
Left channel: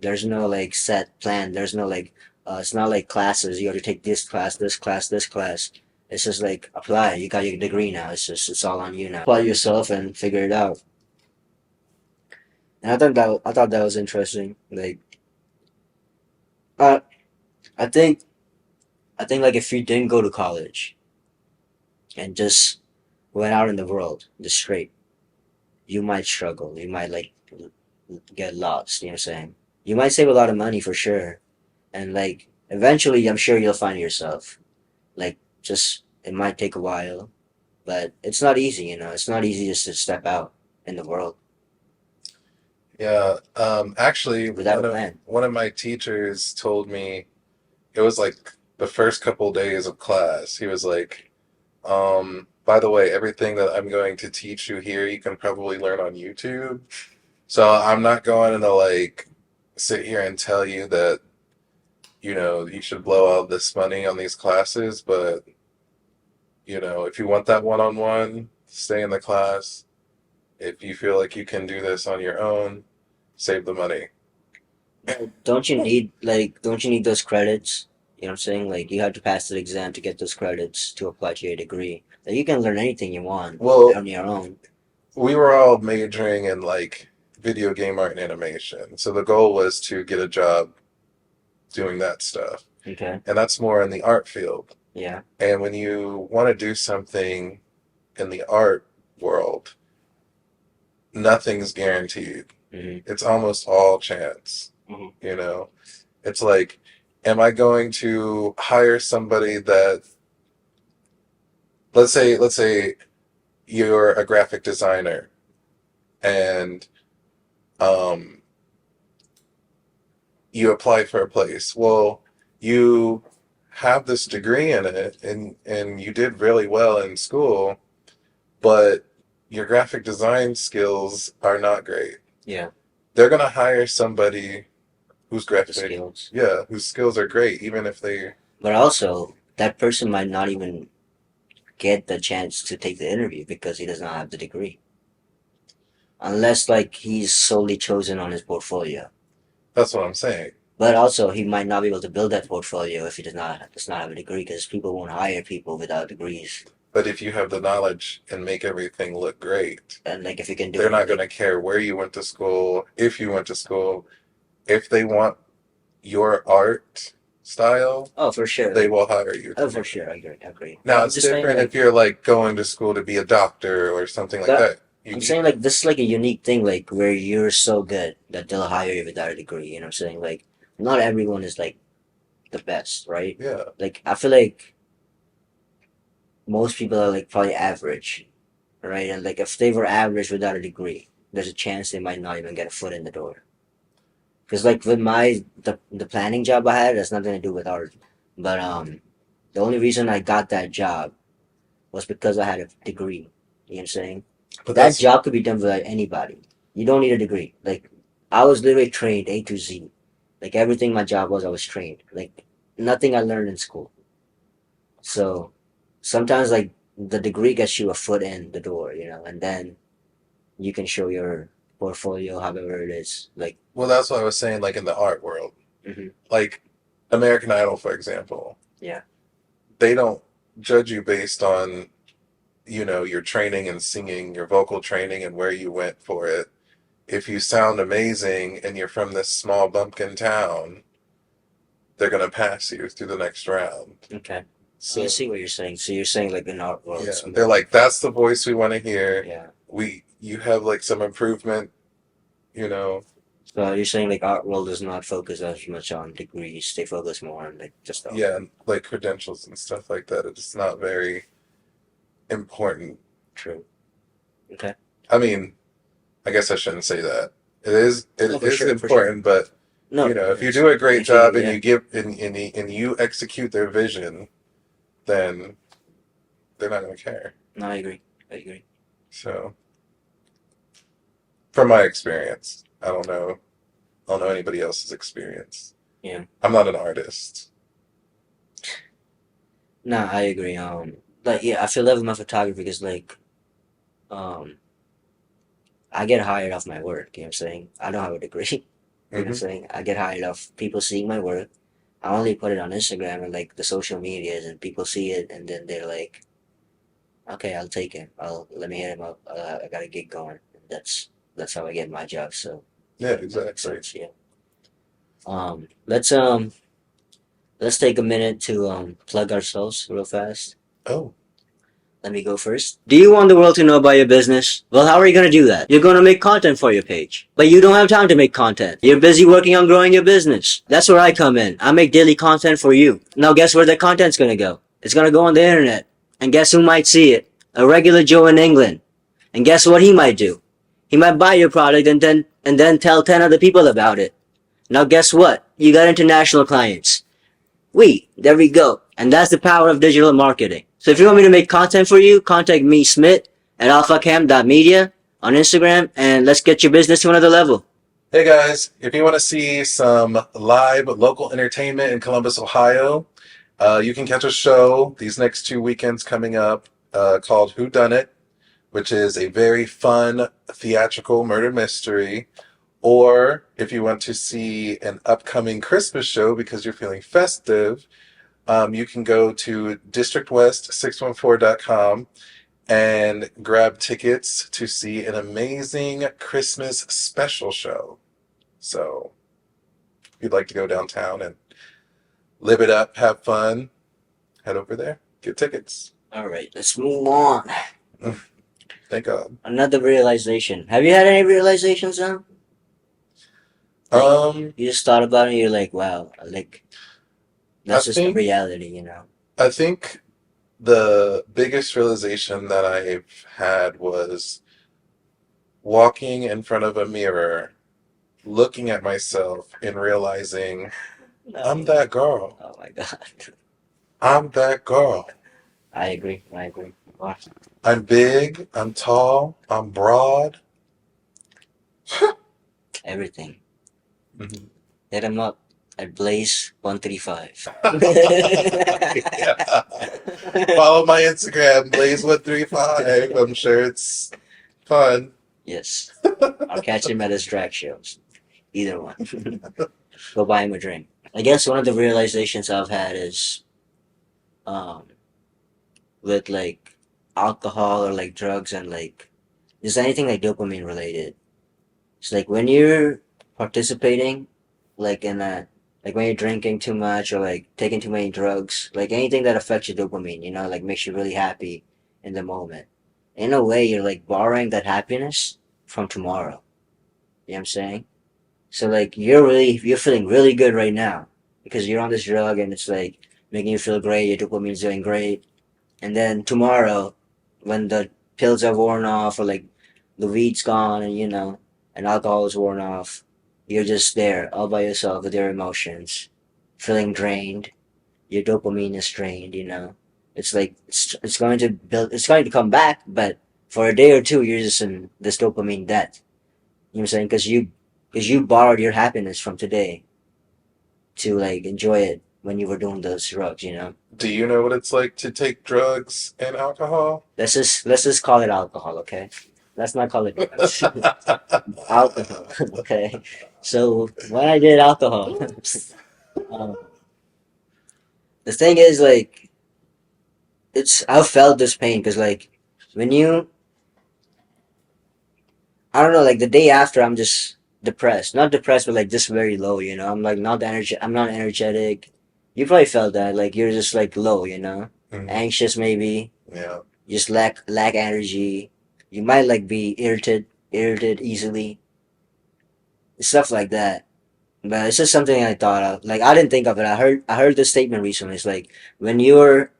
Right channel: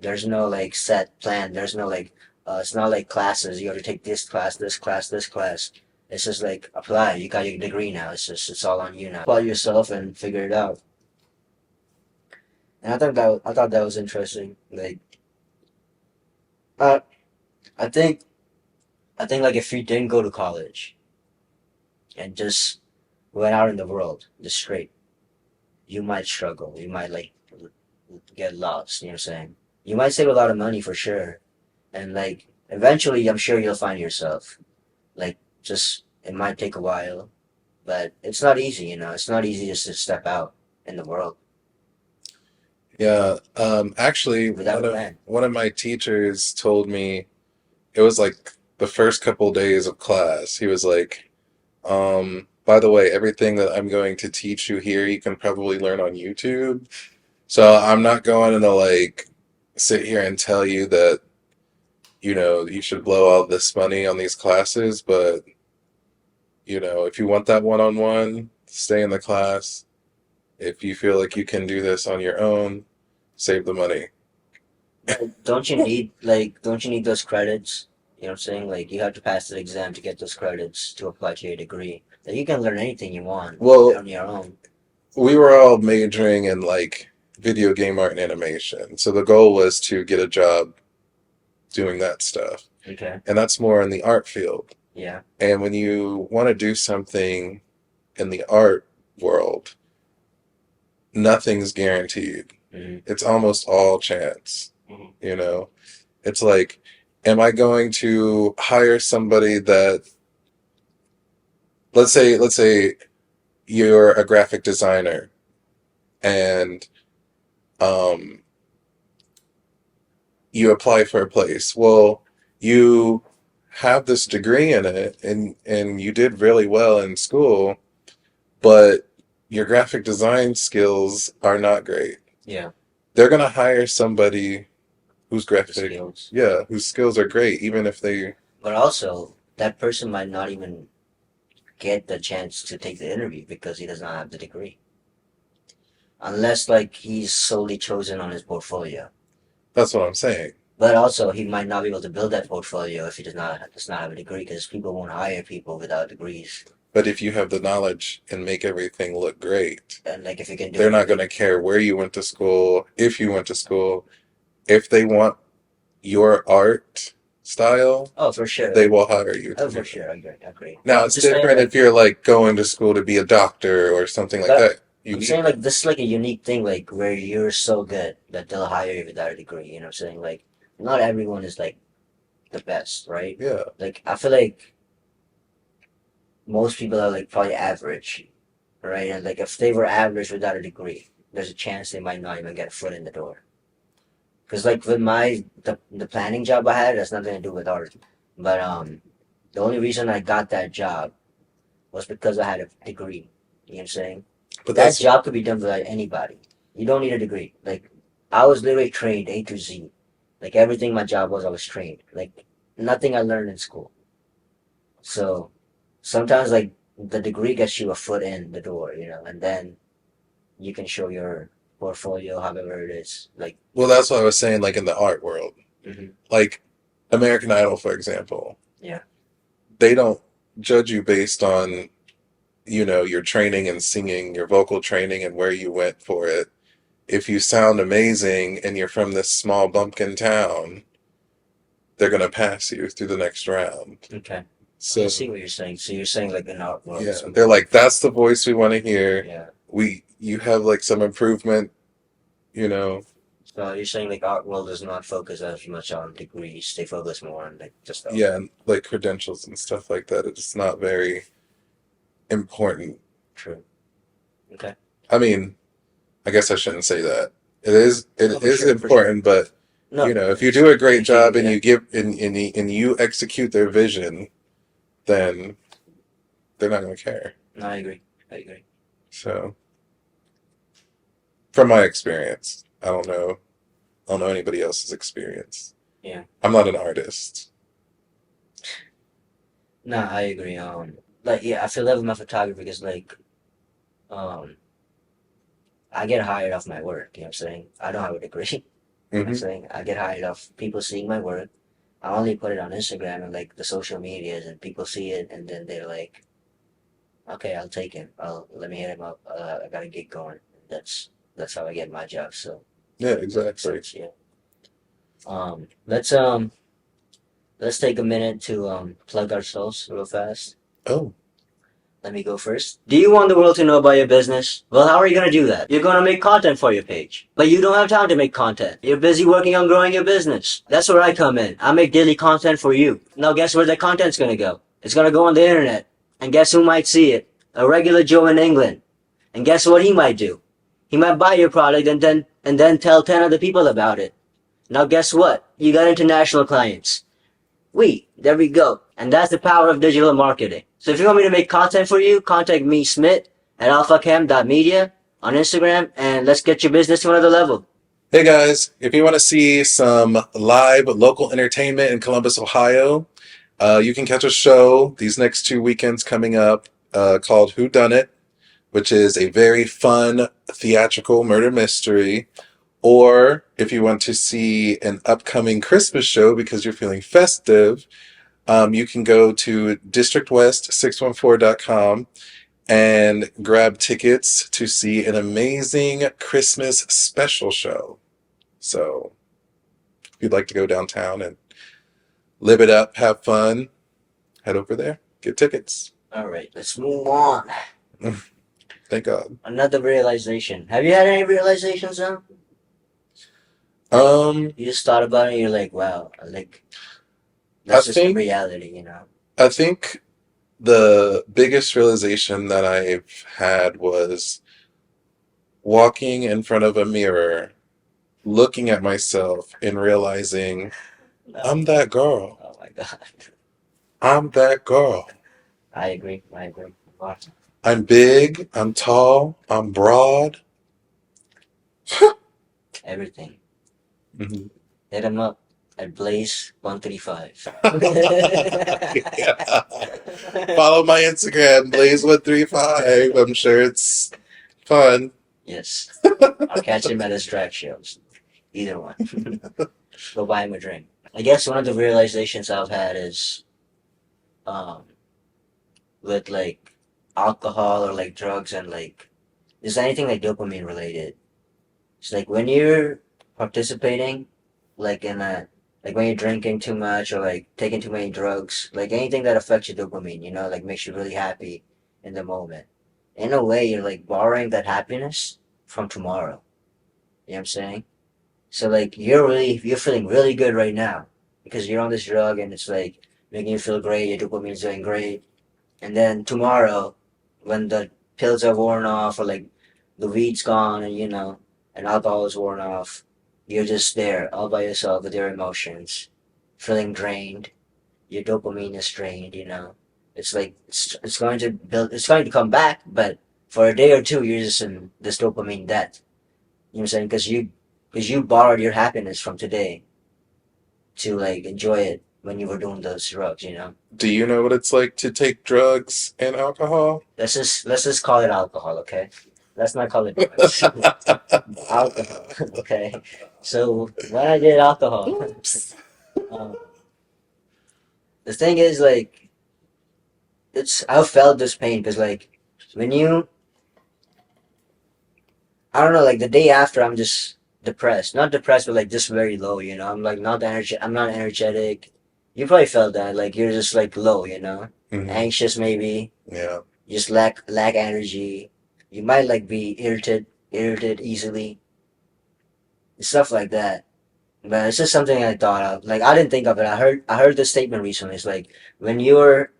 There's no like set plan. There's no like it's not like classes. You have to take this class, this class, this class. It's just like apply. You got your degree now. It's all on you now. Apply yourself and figure it out. And I thought that was interesting. Like uh, I think I think like if you didn't go to college and just went out in the world just straight, you might struggle. You might like get lost. You know what I'm saying? You might save a lot of money for sure, and like eventually, I'm sure you'll find yourself. Like just it might take a while, but it's not easy. You know, it's not easy just to step out in the world Yeah. Actually, without a plan. one of my teachers told me it was like the first couple days of class. He was like, by the way, everything that I'm going to teach you here, you can probably learn on YouTube. So I'm not going to like sit here and tell you that, you should blow all this money on these classes, but if you want that one-on-one, stay in the class. If you feel like you can do this on your own, save the money. But don't you need those credits? You know what I'm saying? Like you have to pass the exam to get those credits to apply to your degree. Like you can learn anything you want Well, on your own. we were all majoring in like video game art and animation. So the goal was to get a job doing that stuff. Okay. And that's more in the art field. Yeah. And when you want to do something in the art world, nothing's guaranteed. Mm-hmm. It's almost all chance. Mm-hmm. You know, it's like, am I going to hire somebody that, let's say you're a graphic designer and um, you apply for a place. Well, you have this degree in it and you did really well in school, but your graphic design skills are not great. Yeah. They're gonna hire somebody whose The graphic, skills. yeah, whose skills are great, even if they, But also, that person might not even get the chance to take the interview because he does not have the degree. Unless like he's solely chosen on his portfolio. that's what I'm saying. But also he might not be able to build that portfolio if he does not have a degree because people won't hire people without degrees. But if you have the knowledge and make everything look great, And like if you can do they're it, not gonna care where you went to school, if you went to school. If they want your art style, oh for sure, they will hire you to oh do for it. sure, I agree, I agree. But Now I'm it's just saying different if like, you're like going to school to be a doctor or something like but that. You I'm need, saying like this is like a unique thing like where you're so good that they'll hire you without a degree. You know what I'm saying? Like not everyone is like the best, right? yeah. Like I feel like most people are like probably average, right? And like if they were average without a degree, there's a chance they might not even get a foot in the door. Because like with the planning job I had, that's nothing to do with art. But the only reason I got that job was because I had a degree. You know what I'm saying? But That that's job could be done by anybody. You don't need a degree. Like I was literally trained A to Z. Like everything my job was, I was trained. Like nothing I learned in school. So sometimes like the degree gets you a foot in the door, and then you can show your portfolio, however it is. Like, well, that's what I was saying. Like in the art world, hmm like American Idol, for example, yeah, they don't judge you based on your training and singing, your vocal training, and where you went for it. If you sound amazing and you're from this small bumpkin town, they're gonna pass you through the next round. okay. I So see what you're saying. So you're saying like in art world, yeah, it's they're more, like, that's the voice we want to hear. yeah. You have like some improvement, you know. So you're saying like art world does not focus as much on degrees. They focus more on like just the Yeah, and like credentials and stuff like that. It's not very important. true. Okay. I mean, I guess I shouldn't say that. it No, for is sure, for sure. important, but No, if you yes, do a great completely job agree. and Yeah, you give and you execute their vision, then they're not going to care. no, I agree. I agree. So, from my experience, I don't know anybody else's experience. Yeah, I'm not an artist. no, I agree. Like yeah, I feel that with my photography because like um, I get hired off my work. You know what I'm saying? I don't have a degree. You know what I'm Hmm. saying? I get hired off people seeing my work. I only put it on Instagram and like the social medias, and people see it, and then they're like, "Okay, I'll take him. I'll let me hit him up. I got a gig going." That's how I get my job. So Yeah, that makes exactly. sense. Yeah. Let's take a minute to plug ourselves real fast. Oh, Let me go first. Do you want the world to know about your business? Well, how are you going to do that? You're going to make content for your page. But you don't have time to make content. You're busy working on growing your business. That's where I come in. I make daily content for you. Now, guess where the content's going to go? It's going to go on the internet. And guess who might see it? A regular Joe in England. And guess what he might do? He might buy your product and then tell 10 other people about it. Now, guess what? You got international clients. There we go. And that's the power of digital marketing. So if you want me to make content for you, contact me, Smith, at alphacam.media on Instagram, and let's get your business to another level. hey guys! If you want to see some live local entertainment in Columbus, Ohio, you can catch a show these next 2 weekends coming up called Who Done It, which is a very fun theatrical murder mystery. Or if you want to see an upcoming Christmas show because you're feeling festive, you can go to districtwest614.com and grab tickets to see an amazing Christmas special show. So if you'd like to go downtown and live it up, have fun, head over there, get tickets. All right, let's move on. Thank God. Another realization. Have you had any realizations now? Like, Um, you just thought about it and you're like, wow, like, I that's just the think reality. I think the biggest realization that I've had was walking in front of a mirror, looking at myself and realizing No. I'm that girl. Oh my God. I'm that girl. I agree. I agree. Awesome. I'm big, I'm tall, I'm broad. Everything. Mhm. Hit him up at Blaze135. Yeah. Follow my Instagram, Blaze135. I'm sure it's fun. Yes. I'll catch him at his drag shows. Either one. Go buy him a drink. I guess one of the realizations I've had is um with like alcohol or like drugs and like just anything like dopamine related. It's like when you're participating like in a like when you're drinking too much or like taking too many drugs, like anything that affects your dopamine, like makes you really happy in the moment. In a way you're like borrowing that happiness from tomorrow. You know what I'm saying? So like you're feeling really good right now because you're on this drug and it's like making you feel great, your dopamine's doing great. And then tomorrow, when the pills are worn off or like the weed's gone and and alcohol is worn off, you're just there all by yourself with your emotions, feeling drained. Your dopamine is drained. It's like it's going to it's going to come back, but for a day or two you're just in this dopamine debt. You know what I'm saying? Because you borrowed your happiness from today to like enjoy it when you were doing those drugs. Do you know what it's like to take drugs and alcohol? Let's just call it alcohol, okay? Let's not call it drugs. Alcohol, okay? So when I did alcohol, Oops. um, the thing is like I felt this pain because like when you I don't know, like the day after I'm just depressed, not depressed but like just very low. I'm like I'm not energetic. You probably felt that like you're just like low. Hmm. Anxious maybe. Yeah. You just lack energy. You might like be irritated easily, stuff like that. But it's just something I thought of. Like I didn't think of it. I heard this statement recently. It's like when you're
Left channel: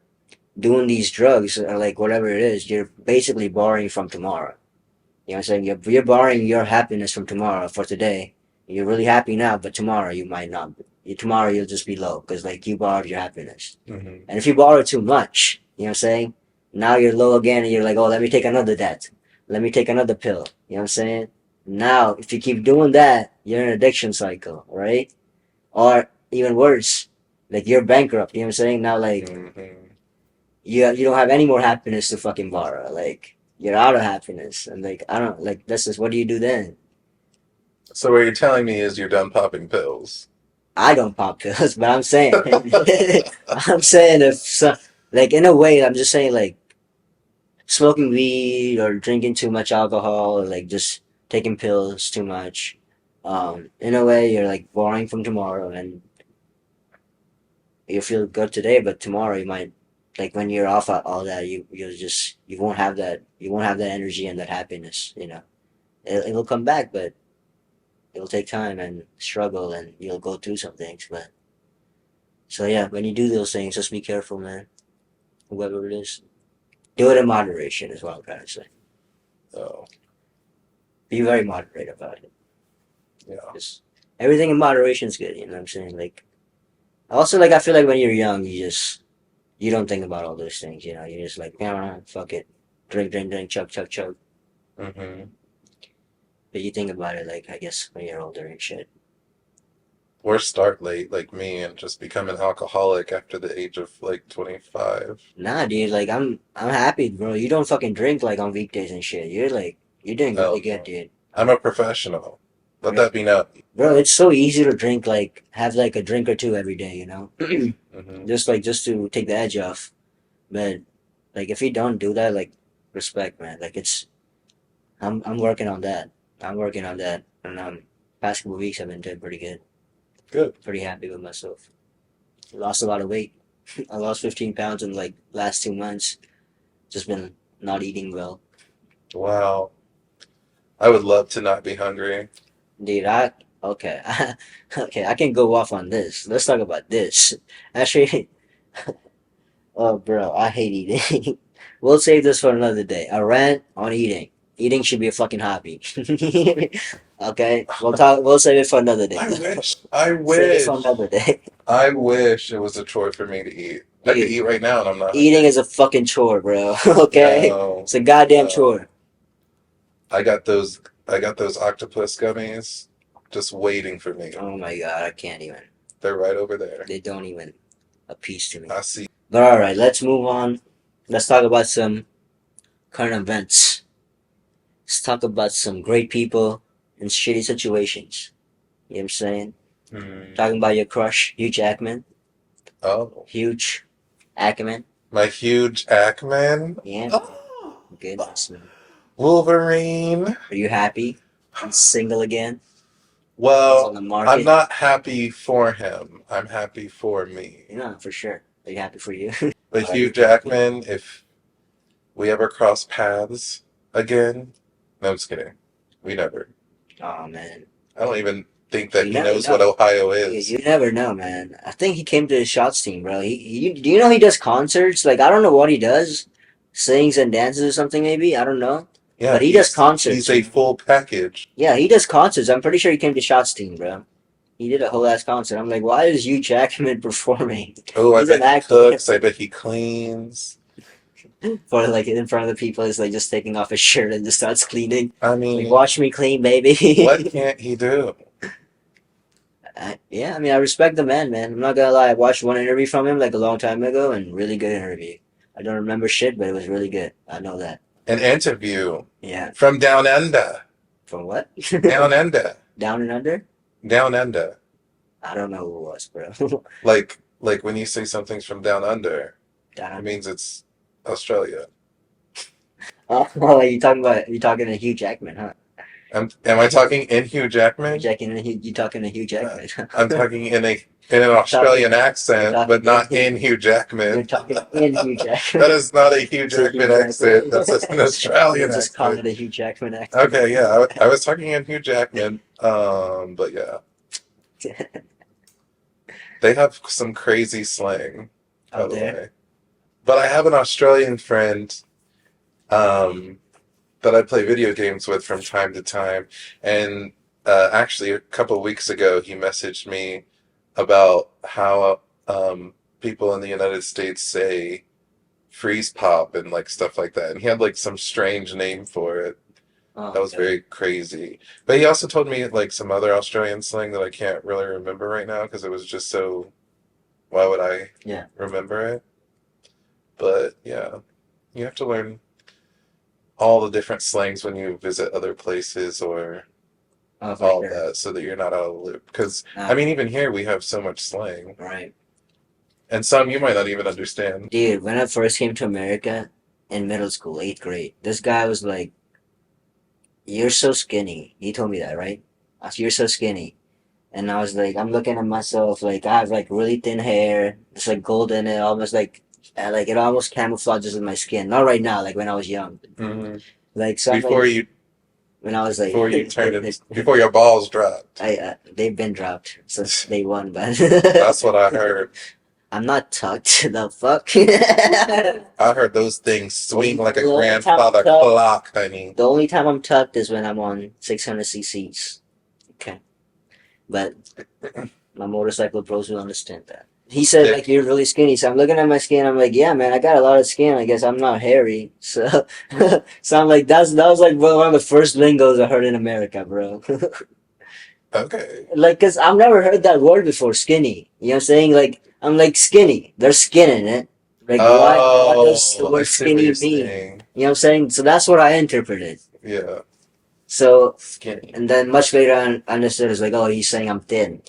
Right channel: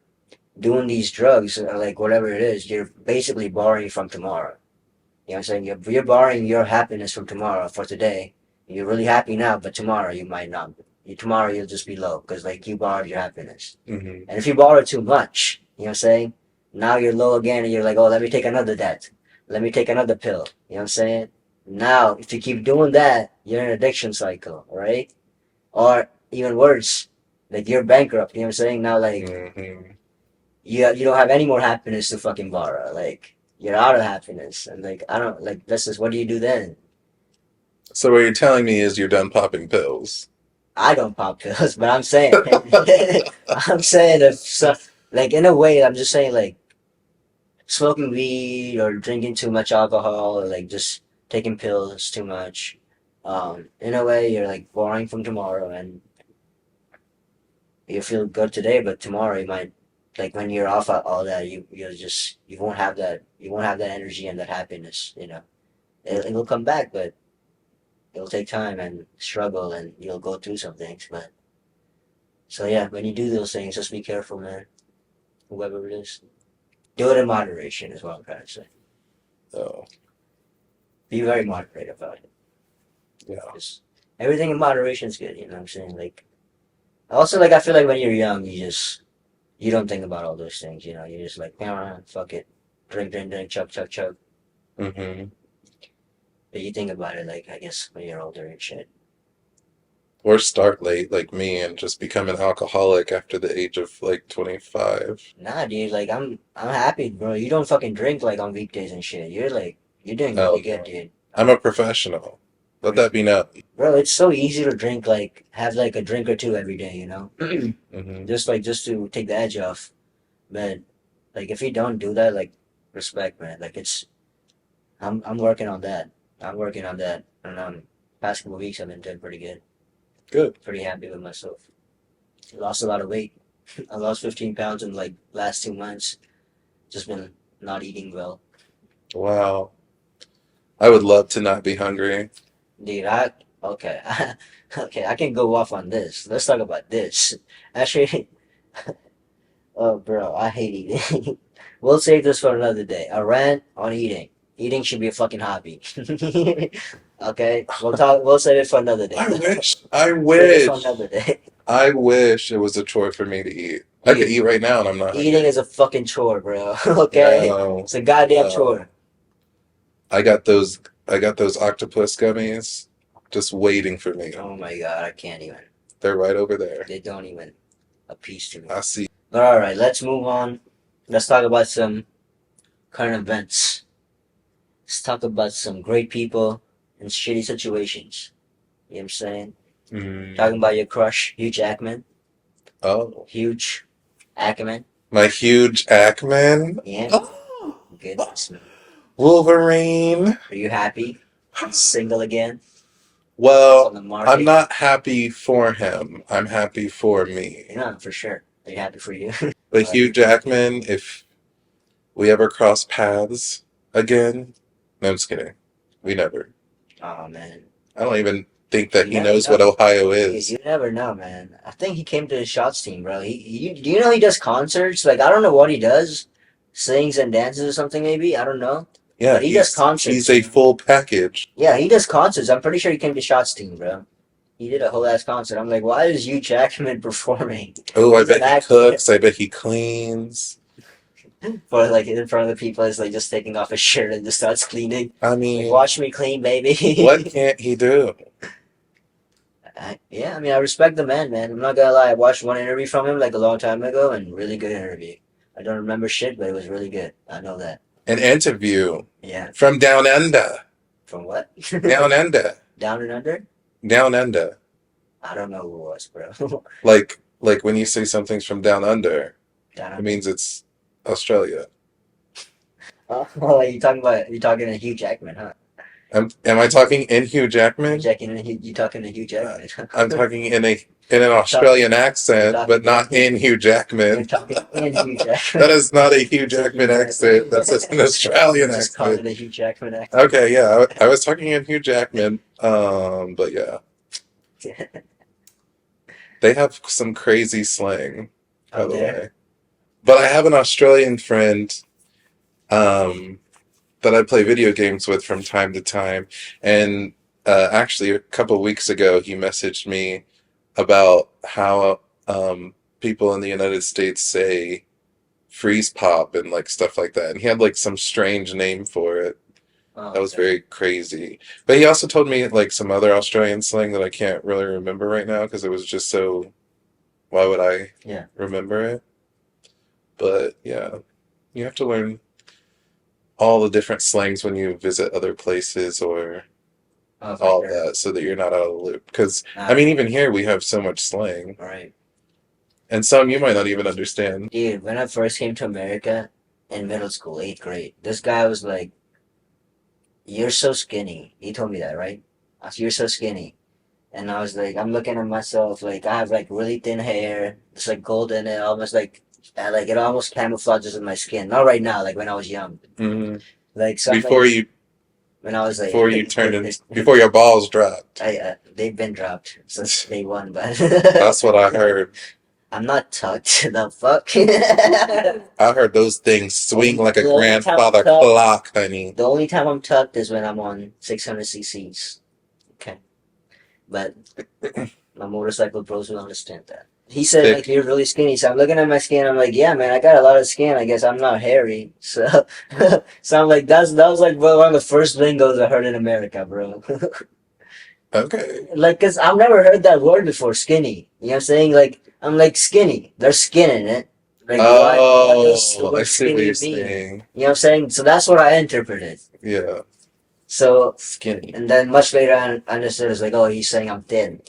doing these drugs or like whatever it is, you're basically borrowing from tomorrow. You know what I'm saying? You're borrowing your happiness from tomorrow for today. You're really happy now, but tomorrow you might not. Tomorrow you'll just be low because like you borrowed your happiness. Hmm. And if you borrow too much, you know what I'm saying? Now you're low again and you're like, oh, let me take another debt. Let me take another pill. You know what I'm saying? Now, if you keep doing that, you're in an addiction cycle, right? Or even worse, like you're bankrupt. You know what I'm saying? Now, like Hmm. you don't have any more happiness to fucking borrow. Like you're out of happiness, and like I don't like this is what do you do then? So what you're telling me is you're done popping pills. I don't pop pills, but I'm saying, I'm saying if so, like in a way, I'm just saying like smoking weed or drinking too much alcohol or like just taking pills too much. In a way, you're like borrowing from tomorrow, and you feel good today, but tomorrow you might like when you're off all that, you won't have that energy and that happiness. You know, it'll come back, but it'll take time and struggle, and you'll go through some things. But so yeah, when you do those things, just be careful, man. Whoever it is, do it in moderation, is what I'm trying to say. Oh, Be very moderate about it. yeah. Just everything in moderation is good. You know what I'm saying? Like also, like I feel like when you're young, you don't think about all those things. You know, you're just like, yeah, fuck it, drink, drink, drink, chug, chug, chug. Hmm. But you think about it, like I guess when you're older and shit. Or start late like me and just become an alcoholic after the age of like 25. Nah, dude, like I'm happy, bro. You don't fucking drink like on weekdays and shit. You're doing Oh really good, no. dude. I'm a professional. Let Bro, that be known. bro, it's so easy to drink like have like a drink or two every day, you know? Hmm. Just to take the edge off. But like if you don't do that, like respect, man. Like I'm working on that. I'm working on that. And past couple weeks I've been doing pretty good. Good. Pretty happy with myself. I lost a lot of weight. I lost 15 pounds in like last 2 months. Just been not eating well. Wow. I would love to not be hungry. Dude, okay. Okay, I can go off on this. Let's talk about this. Actually, oh bro, I hate eating. We'll save this for another day. A rant on eating. Eating should be a fucking hobby. Okay? We'll save it for another day. I wish. I Save it for wish. another day. I wish it was a chore for me to eat. I could Dude, eat right now and I'm not eating hungry. is a fucking chore, bro. Okay? No, It's a goddamn no. chore. I got those. I got those octopus gummies, just waiting for me. Oh my god, I can't even. They're right over there. They don't even appease to me. I see. But alright, let's move on. Let's talk about some current events. Let's talk about some great people in shitty situations. You know what I'm saying? Mm. Talking about your crush, Hugh Jackman. Oh, Huge Ackerman. my huge Jackman. Yeah, Oh, goodness, man. Wolverine. Are you happy? He's single again. He's on Well, the I'm market. not happy for him. I'm happy for me. Yeah, for sure. Are you happy for you? But Are Hugh you? Jackman, if we ever cross paths again, no, I'm just kidding. We never. Oh man, I don't even think that you he never knows what know. Ohio You, is. you never know, man. I think he came to the shots team, bro. Do you know he does concerts? Like I don't know what he does, sings and dances or something maybe. I don't know, Yeah, but he does he's concerts. a full package. Yeah, he does concerts. I'm pretty sure he came to shots team, bro. He did a whole ass concert. I'm like, why is Hugh Jackman performing? Oh, I He's an bet he actor. cooks. I bet he cleans. For like in front of the people, is like just taking off his shirt and just starts cleaning. I Like, mean, watch me clean, what baby. can't he do? Yeah, I mean, I respect the man, man. I'm not gonna lie. I watched one interview from him like a long time ago, and really good interview. I don't remember shit, but it was really good. I know that. An interview Yeah. from down under. From what? Down under. Down and under? Down under. I don't know who it was, bro. Like when you say something's from down under, Down it under. means it's Australia. Oh, you talking to Hugh Jackman, huh? Am I talking in Hugh You Jackman? checking in? You talking to Hugh Uh, Jackman? I'm talking in an You're talking. Australian You're accent, but talking not in. in Hugh You're Jackman. talking in Hugh That Jackman. is not a Hugh So Jackman accent. That's just an Australian you just call accent. it a Hugh Jackman accent. Okay, yeah, I was talking in Hugh Jackman. But yeah, they have some crazy slang, by Out the there. way. But I have an Australian friend. Um, that I play video games with from time to time. And actually, a couple of weeks ago, he messaged me about how people in the United States say freeze pop and like stuff like that. And he had like some strange name for it. Oh, That was okay. very crazy. But he also told me like some other Australian slang that I can't really remember right now because it was just so, why would I Yeah. remember it? But yeah, you have to learn all the different slangs when you visit other places or Oh, for all of sure. that so that you're not out of the loop. Because, I Nah, mean, even here we have so much slang, right. and some you might not even understand. Dude, when I first came to America in middle school, eighth grade, this guy was like, "You're so skinny." He told me that, right? I said, "You're so skinny." And I was like, I'm looking at myself, like I have like really thin hair, it's like gold in it, almost like it almost camouflages in my skin. Not right now, like when I was young. Hmm. Like so, I'm Before like you, when I was like, before you turned in, before your balls dropped. they've been dropped since day one, but That's what I heard. I'm not tucked. The fuck? I heard those things swing like a The only time I'm grandfather tucked, clock, honey. the only time I'm tucked is when I'm on 600 cc's. Okay, but my motorcycle bros will understand that. He said like Thick. you're really skinny, so I'm looking at my skin. I'm like, yeah, man, I got a lot of skin. I guess I'm not hairy. So, so I'm like, that was like one of the first lingos I heard in America, bro. Okay. Like, cause I've never heard that word before, skinny. You know what I'm saying? Like, I'm like skinny. There's skin in it. Like, what does the Oh, I word see what skinny you're mean? saying. You know what I'm saying? So that's what I interpreted. Yeah, So, skinny. and then much later I understood it's like, oh, he's saying I'm thin.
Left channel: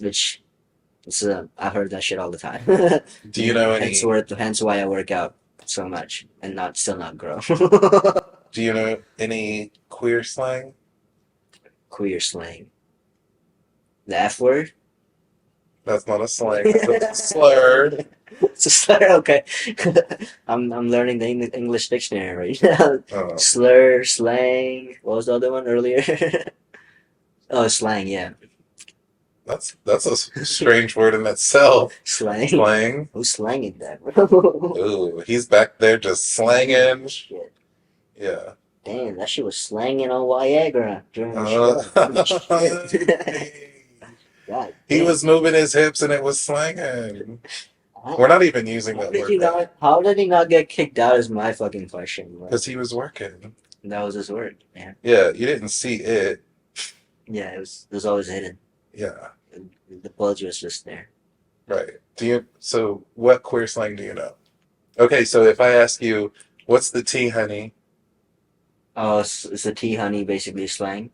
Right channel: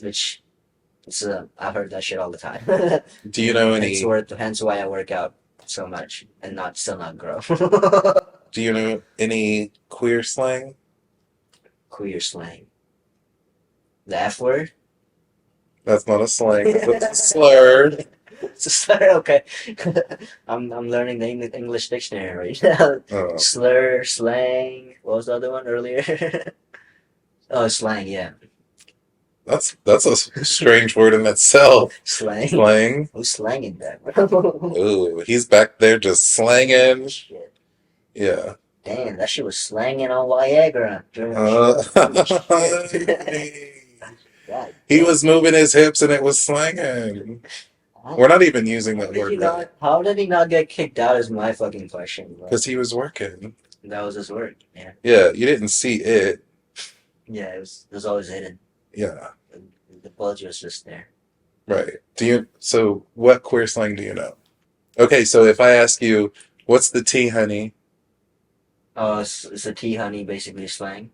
Which it's I've heard that shit all the time. Do you know hence, any? hence why I work out so much and not still not grow. Do you know any queer slang? Queer slang. The F word. That's not a slang. That's a slur. It's a slur. Okay, I'm learning the English dictionary right now. Oh, Slur, slang. What was the other one earlier? Oh, slang. Yeah, that's a strange word in itself. slang. Slang. Who's slanging that, bro? Ooh, he's back there just slanging. Shit. Yeah. Damn, that shit was slanging on Viagra during the Uh, show. Shit. God he damn. was moving his hips and it was slanging. We're not even using How that did word he right not? How did he not get kicked out? Is my fucking question, bro. because he was working. That was his word, man. Yeah, you didn't see it. Yeah, it was always hidden. Yeah, The bulge was just there. right. Do you? So, what queer slang do you know? Okay, so if I ask you, what's the tea, honey? Oh, it's a tea honey, basically slang.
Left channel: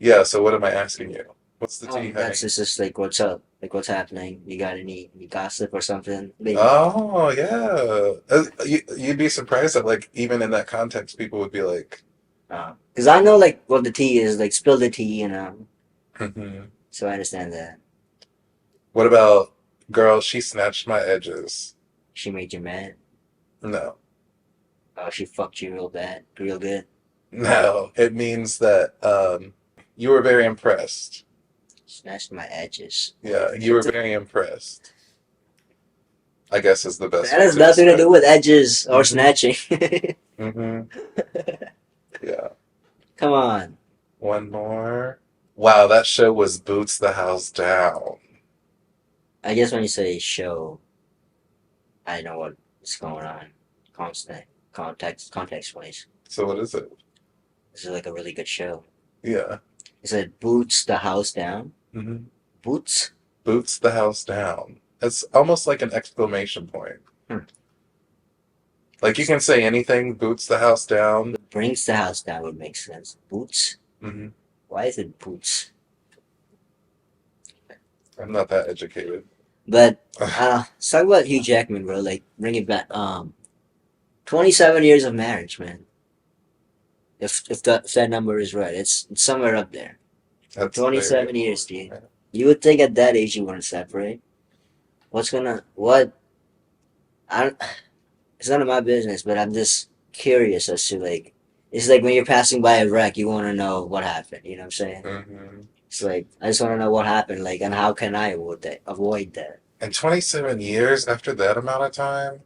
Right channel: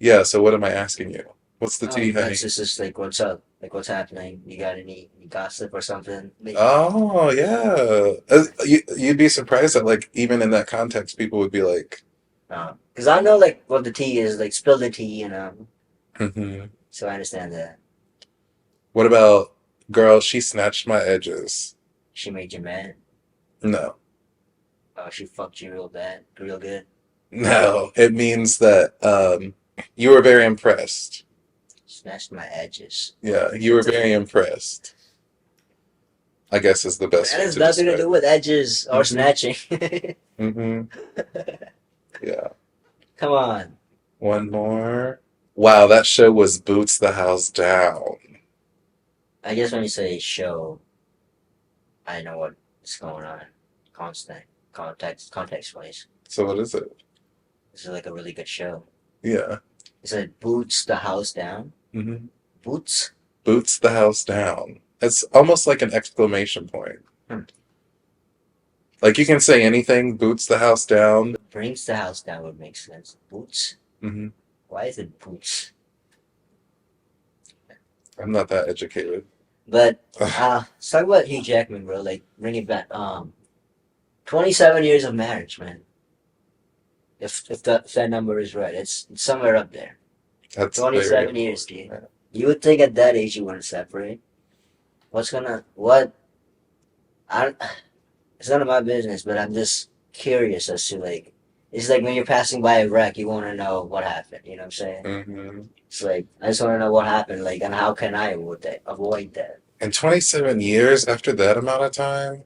Yeah, so what am I asking you? What's the tea, That's honey? just like what's up, like what's happening. You got any gossip or something? Maybe. Oh, yeah. You'd be surprised that, like, even in that context, people would be like, Because I know like what the tea is, like spill the tea, hmm. So I understand that What about, girl, she snatched my edges? she made you mad. No. Oh, she fucked you real bad, real good. No, it means that you were very impressed. Snatched my edges. Yeah, you were very impressed, I guess is the best That way has to nothing to describe do it. with edges or Hmm. snatching. Hmm. Yeah. Come on. One more. Wow, that show was Boots the House Down. I guess when you say show, I know what's going on. Constant context wise. So what is it? This is like a really good show. Yeah. It said boots the house down. Hmm. Boots. Boots the House Down. It's almost like an exclamation point. Hmm. Like you can say anything, boots the house down. Brings the house down would make sense. Boots. Hmm. Why is it boots? I'm not that educated. But let's talk about Hugh Jackman, bro. Like bring it back. 27 years of marriage, man. If that number is right, it's somewhere up there. That's Twenty very. seven years, dude. You would think at that age you want to separate. What? I don't, it's none of my business, but I'm just curious as to like, it's like when you're passing by a wreck, you want to know what happened. You know what I'm saying? Hmm. It's like I just want to know what happened, like, and how can I avoid that? Avoid that. And 27 years after that amount of time,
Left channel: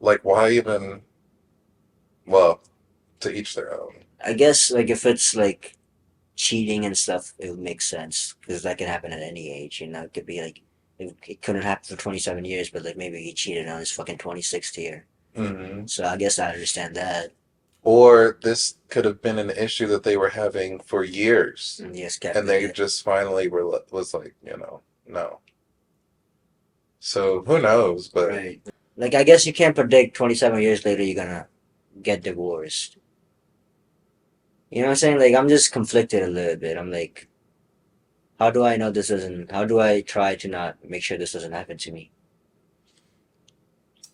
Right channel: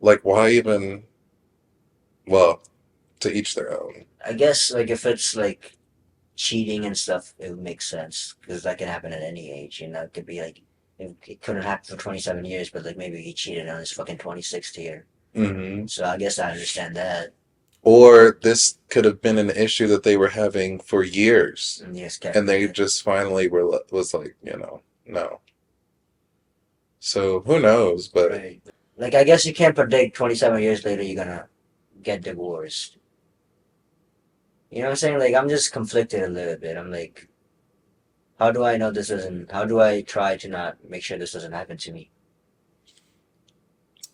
like why even Well, to each their own. I guess like if it's like cheating and stuff, it would make sense because that can happen at any age. You know, it could be like it couldn't happen for 27 years, but like maybe he cheated on his fucking 26th year. Hmm. So I guess I understand that. Or this could have been an issue that they were having for years, And he just got and rid of they it. just finally was like, no. So who knows? But Right. Like I guess you can't predict 27 years later you're gonna get divorced. You know what I'm saying? Like I'm just conflicted a little bit. I'm like, how do I know this isn't? How do I try to not make sure this doesn't happen to me?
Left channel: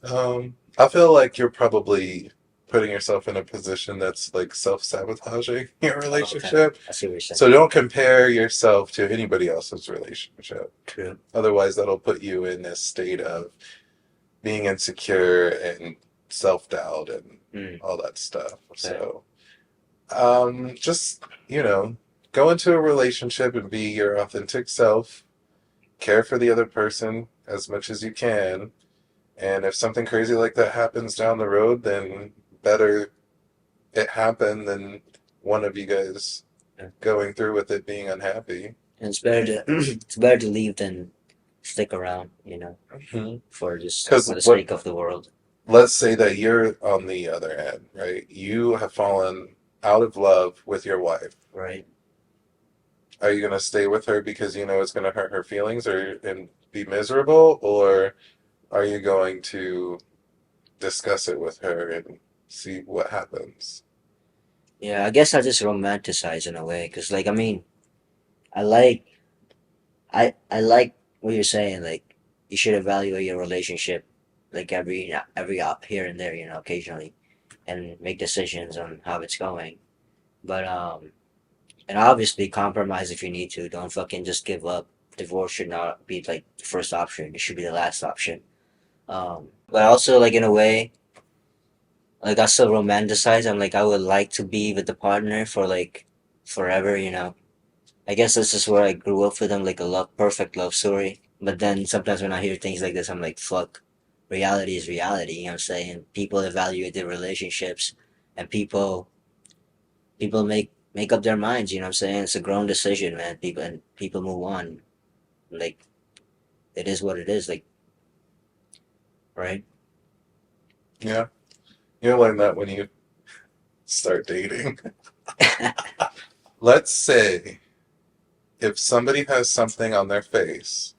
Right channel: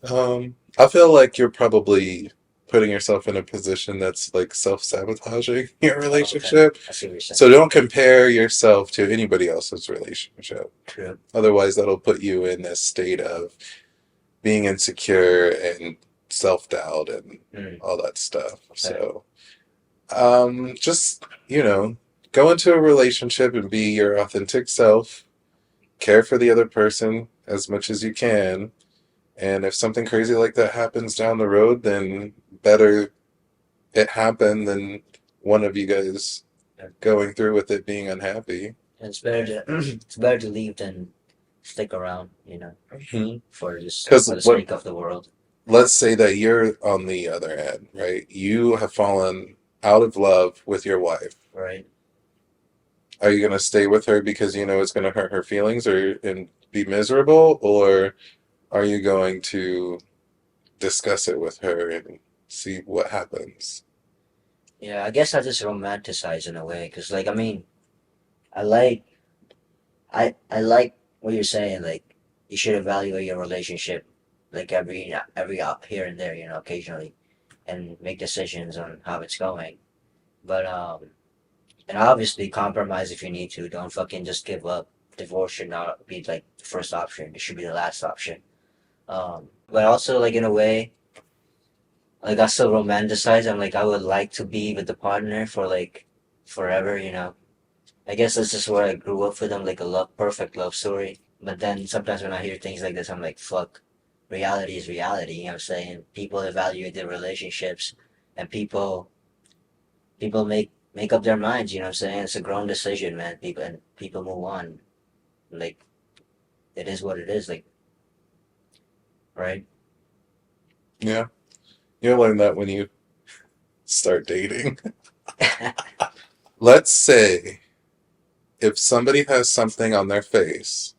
I feel like you're probably putting yourself in a position that's like self-sabotaging your Oh, okay, relationship. I see what you're saying. So don't compare yourself to anybody else's relationship. True. Otherwise, that'll put you in this state of being insecure and self-doubt and Mm, all that stuff. okay. So, just, go into a relationship and be your authentic self, care for the other person as much as you can. And if something crazy like that happens down the road, then better it happen than one of you guys going through with it being unhappy. And it's better to it's better to leave than stick around. For Because the what sake of the world. let's say that you're on the other end, right? You have fallen out of love with your wife. Right. Are you going to stay with her because you know it's going to hurt her feelings or and be miserable, or are you going to discuss it with her and see what happens? Yeah, I guess I just romanticize in a way, cause like I mean, I like I like what you're saying. Like you should evaluate your relationship, like every up here and there, occasionally, and make decisions on how it's going. But and obviously compromise if you need to. Don't fucking just give up. Divorce should not be like the first option. It should be the last option. But also like in a way, like I still romanticize. I'm like I would like to be with the partner for like forever. I guess that's just where I grew up with them, like a perfect love story. But then sometimes when I hear things like this, I'm like, fuck, reality is reality. You know what I'm saying? People evaluate their relationships, and people make up their minds. You know what I'm saying? It's a grown decision, man. People move on. Like it is what it is. Like right. Yeah, you'll learn that when you start dating. Let's say if somebody has something on their face,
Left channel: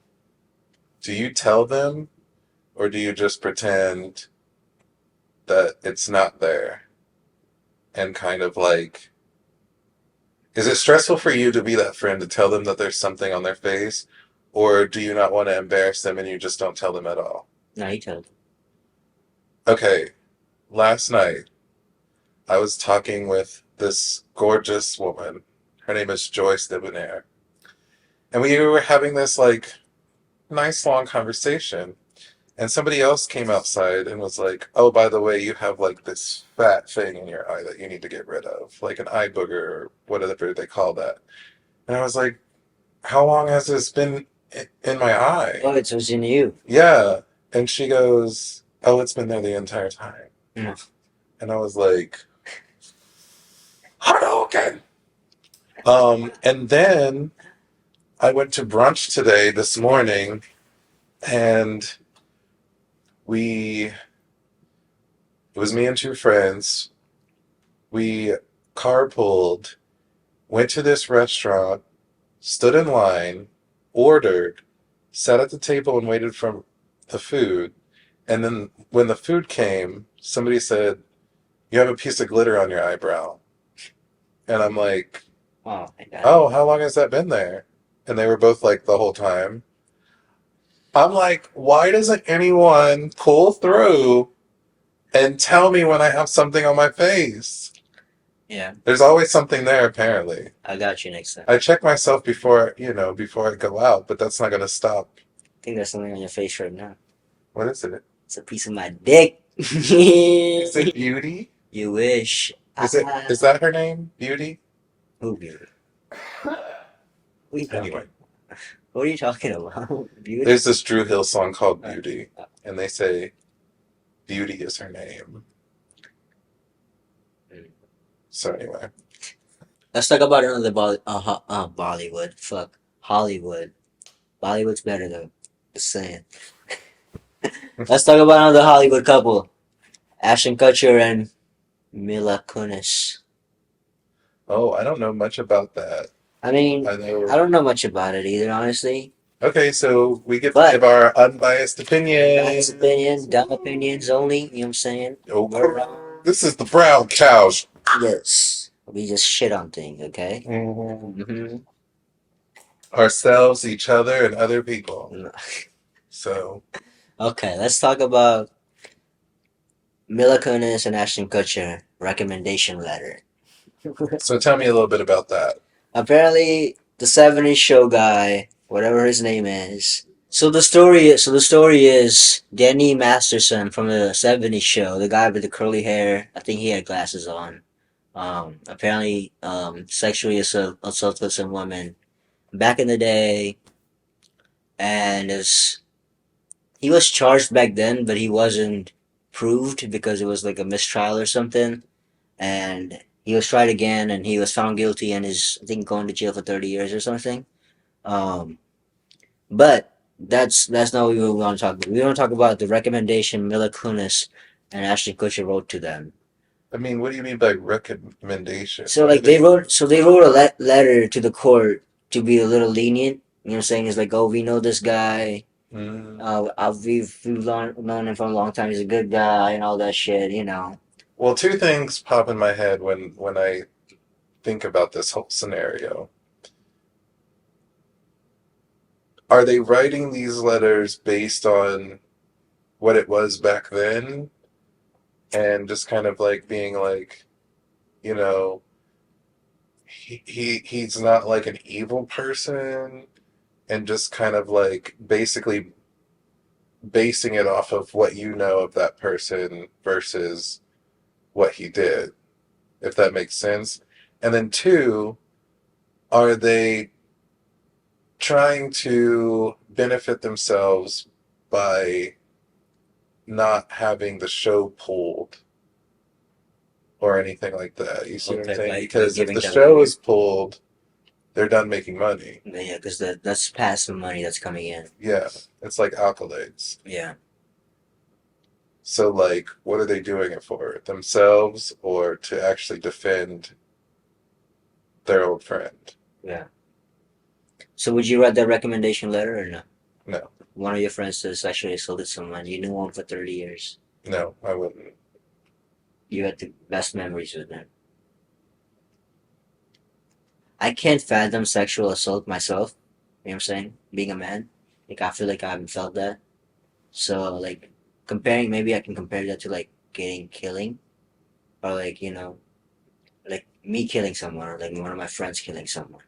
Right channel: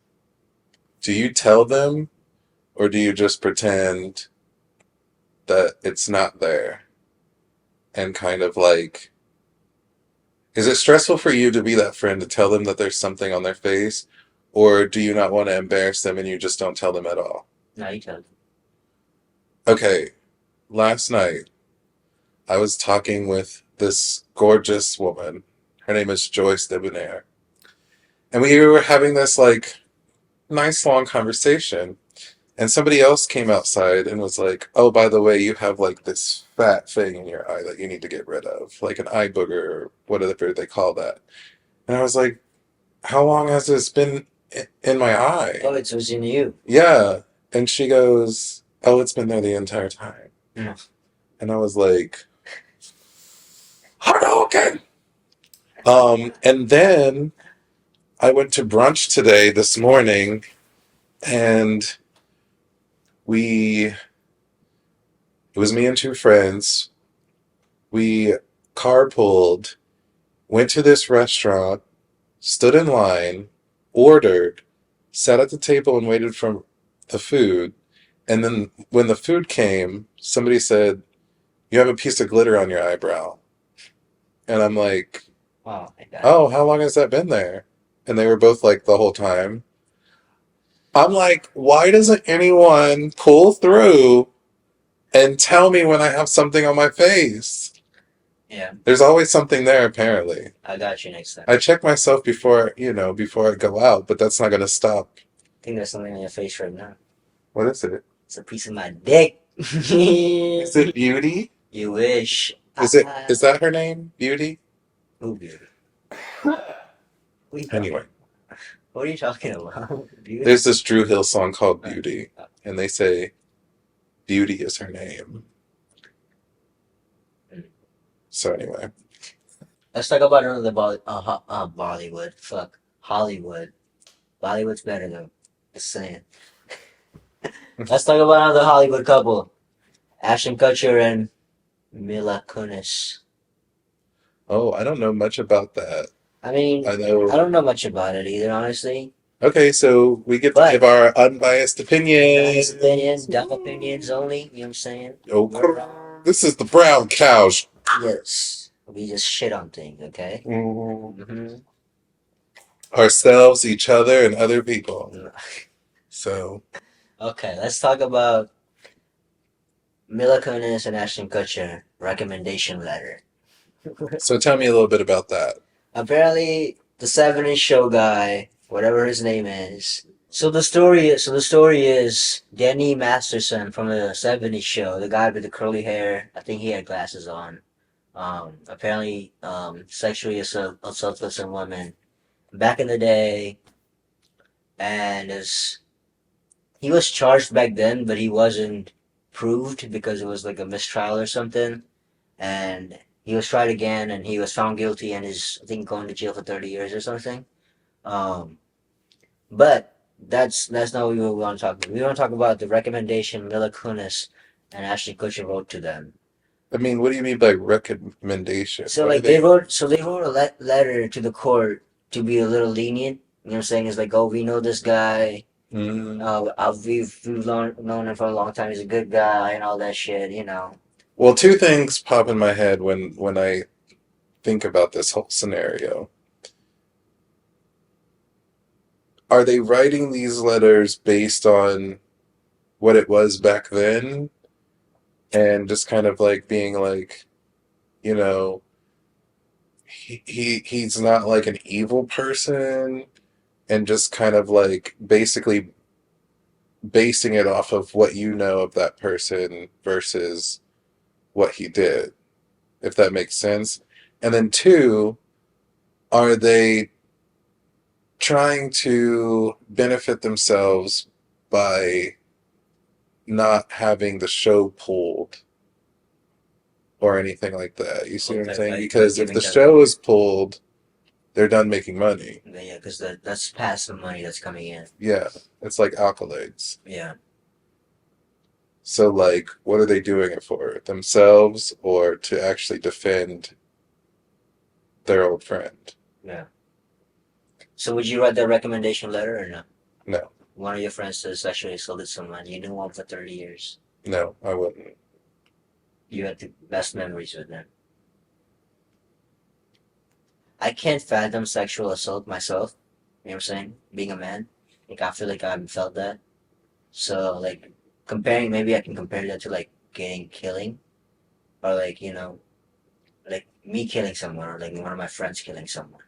do you tell them or do you just pretend that it's not there and kind of like, is it stressful for you to be that friend to tell them that there's something on their face, or do you not want to embarrass them and you just don't tell them at all? Now you tell them. Okay, last night I was talking with this gorgeous woman. Her name is Joyce Debonair. And we were having this like nice long conversation. And somebody else came outside and was like, "Oh, by the way, you have like this fat thing in your eye that you need to get rid of, like an eye booger or whatever they call that." And I was like, "How long has this been in my eye?" Oh, it's in you. Yeah. And she goes, "Oh, it's been there the entire time." Yeah. And I was like, Hadouken! And then I went to brunch today this morning and we, it was me and two friends. We carpooled, went to this restaurant, stood in line, ordered, sat at the table and waited for the food. And then when the food came, somebody said, "You have a piece of glitter on your eyebrow." And I'm like, Oh my god. "Oh, how long has that been there?" And they were both like, "The whole time." I'm like, why doesn't anyone pull through and tell me when I have something on my face? Yeah, There's always something there, apparently. I got you next time. I check myself before I go out, but that's not going to stop. I think there's something on your face right now. What is it? It's a piece of my dick. Is it Beauty? You wish. Is that her name? Beauty? Who beauty? What are you talking? Anyway, What are you talking about? Beauty. there's this Drew Hill song called Beauty, Uh, and they say Beauty is her name. So anyway, Let's talk about another Bollywood. Fuck. Hollywood. Bollywood's better though. Just saying. Let's talk about another Hollywood couple. Ashton Kutcher and Mila Kunis. oh, I don't know much about that. I mean, I I know. don't know much about it either, honestly. Okay, so we get to give But our unbiased nice opinion. opinion, dumb opinions only. You know what I'm saying? Oh, We're this is the brown cow. yes. We just shit on things, okay? Mm, Mm-hmm. ourselves, each other, and other people. So, Okay, let's talk about Mila Kunis and Ashton Kutcher recommendation letter. so tell me a little bit about that. Apparently, the 70s show guy, whatever his name is. So the story is Danny Masterson from the 70s show, the guy with the curly hair. I think he had glasses on. Apparently, sexually assaulted some women back in the day, and is he was charged back then, but he wasn't proved because it was like a mistrial or something. And he was tried again, and he was found guilty, and is I think going to jail for 30 years or something. Um, but that's not what we want to talk about. We want to talk about the recommendation Mila Kunis and Ashton Kutcher wrote to them. I mean, what do you mean by recommendation? So What are like they they? wrote, so they wrote a letter to the court to be a little lenient. You know what I'm saying? It's like, oh, we know this guy. Mm. We've known him for a long time. He's a good guy and all that shit. You know. Well, two things pop in my head when I think about this whole scenario. Are they writing these letters based on what it was back then and just kind of like being like, you know, he's not like an evil person and just kind of like basically basing it off of what you know of that person versus what he did, if that makes sense. And then two, are they trying to benefit themselves by not having the show pulled or anything like that? You see what I'm Okay, saying? by Because if giving the them show is pulled, they're done making money. yeah, because that's passive money that's coming in. Yeah, it's like accolades. Yeah, So, like, what are they doing it for? Themselves or to actually defend their old friend? yeah. So would you write that recommendation letter or no? No, One of your friends sexually assaulted someone. You knew him for 30 years. no, I wouldn't. You had the best memories with him. I can't fathom sexual assault myself. You know what I'm saying? Being a man. Like, I feel like I haven't felt that. So, like, maybe I can compare that to, like, killing. Or, like, like me killing someone or, like, one of my friends killing someone.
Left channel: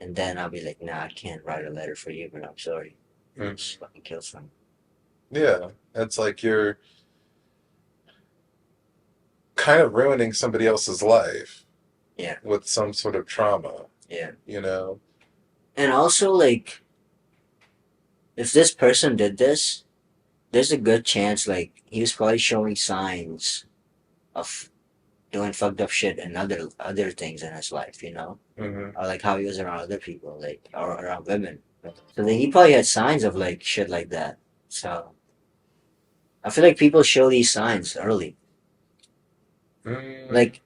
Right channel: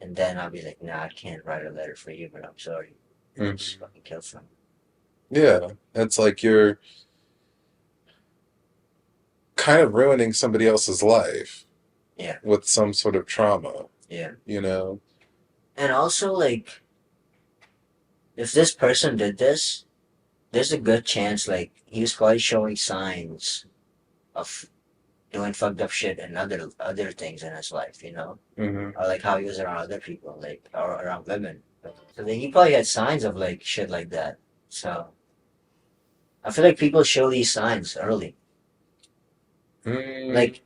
And then I'll be like, nah, I can't write a letter for you, but I'm sorry. Hmm. Just fucking kill someone. Yeah, it's like you're kind of ruining somebody else's life Yeah, with some sort of trauma, yeah. you know? And also, like, if this person did this, there's a good chance, like, he was probably showing signs of doing fucked up shit and other things in his life, Hmm. or like how he was around other people, like or around women. So then he probably had signs of like shit like that. So I feel like people show these signs early. Mm, Like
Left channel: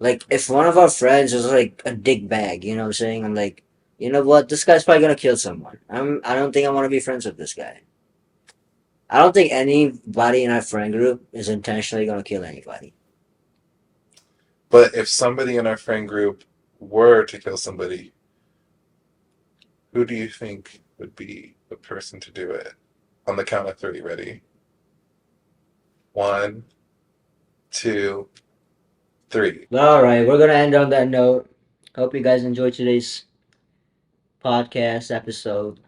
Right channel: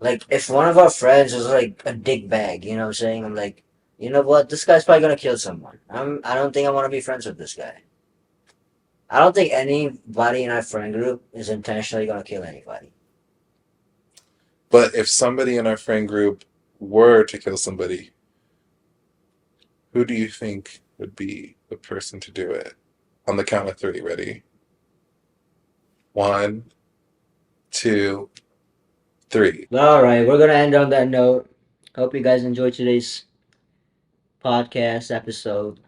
like if one of our friends is like a dick bag, you know what I'm saying? I'm like, you know what, this guy's probably gonna kill someone. I don't think I want to be friends with this guy. I don't think anybody in our friend group is intentionally gonna kill anybody. but if somebody in our friend group were to kill somebody, who do you think would be the person to do it? On the count of three, ready? One, two, three. All right, we're gonna end on that note. Hope you guys enjoyed today's podcast episode.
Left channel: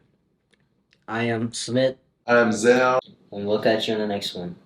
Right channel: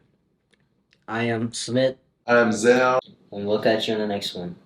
I am Smith, I'm Zell. and we'll catch you in the next one.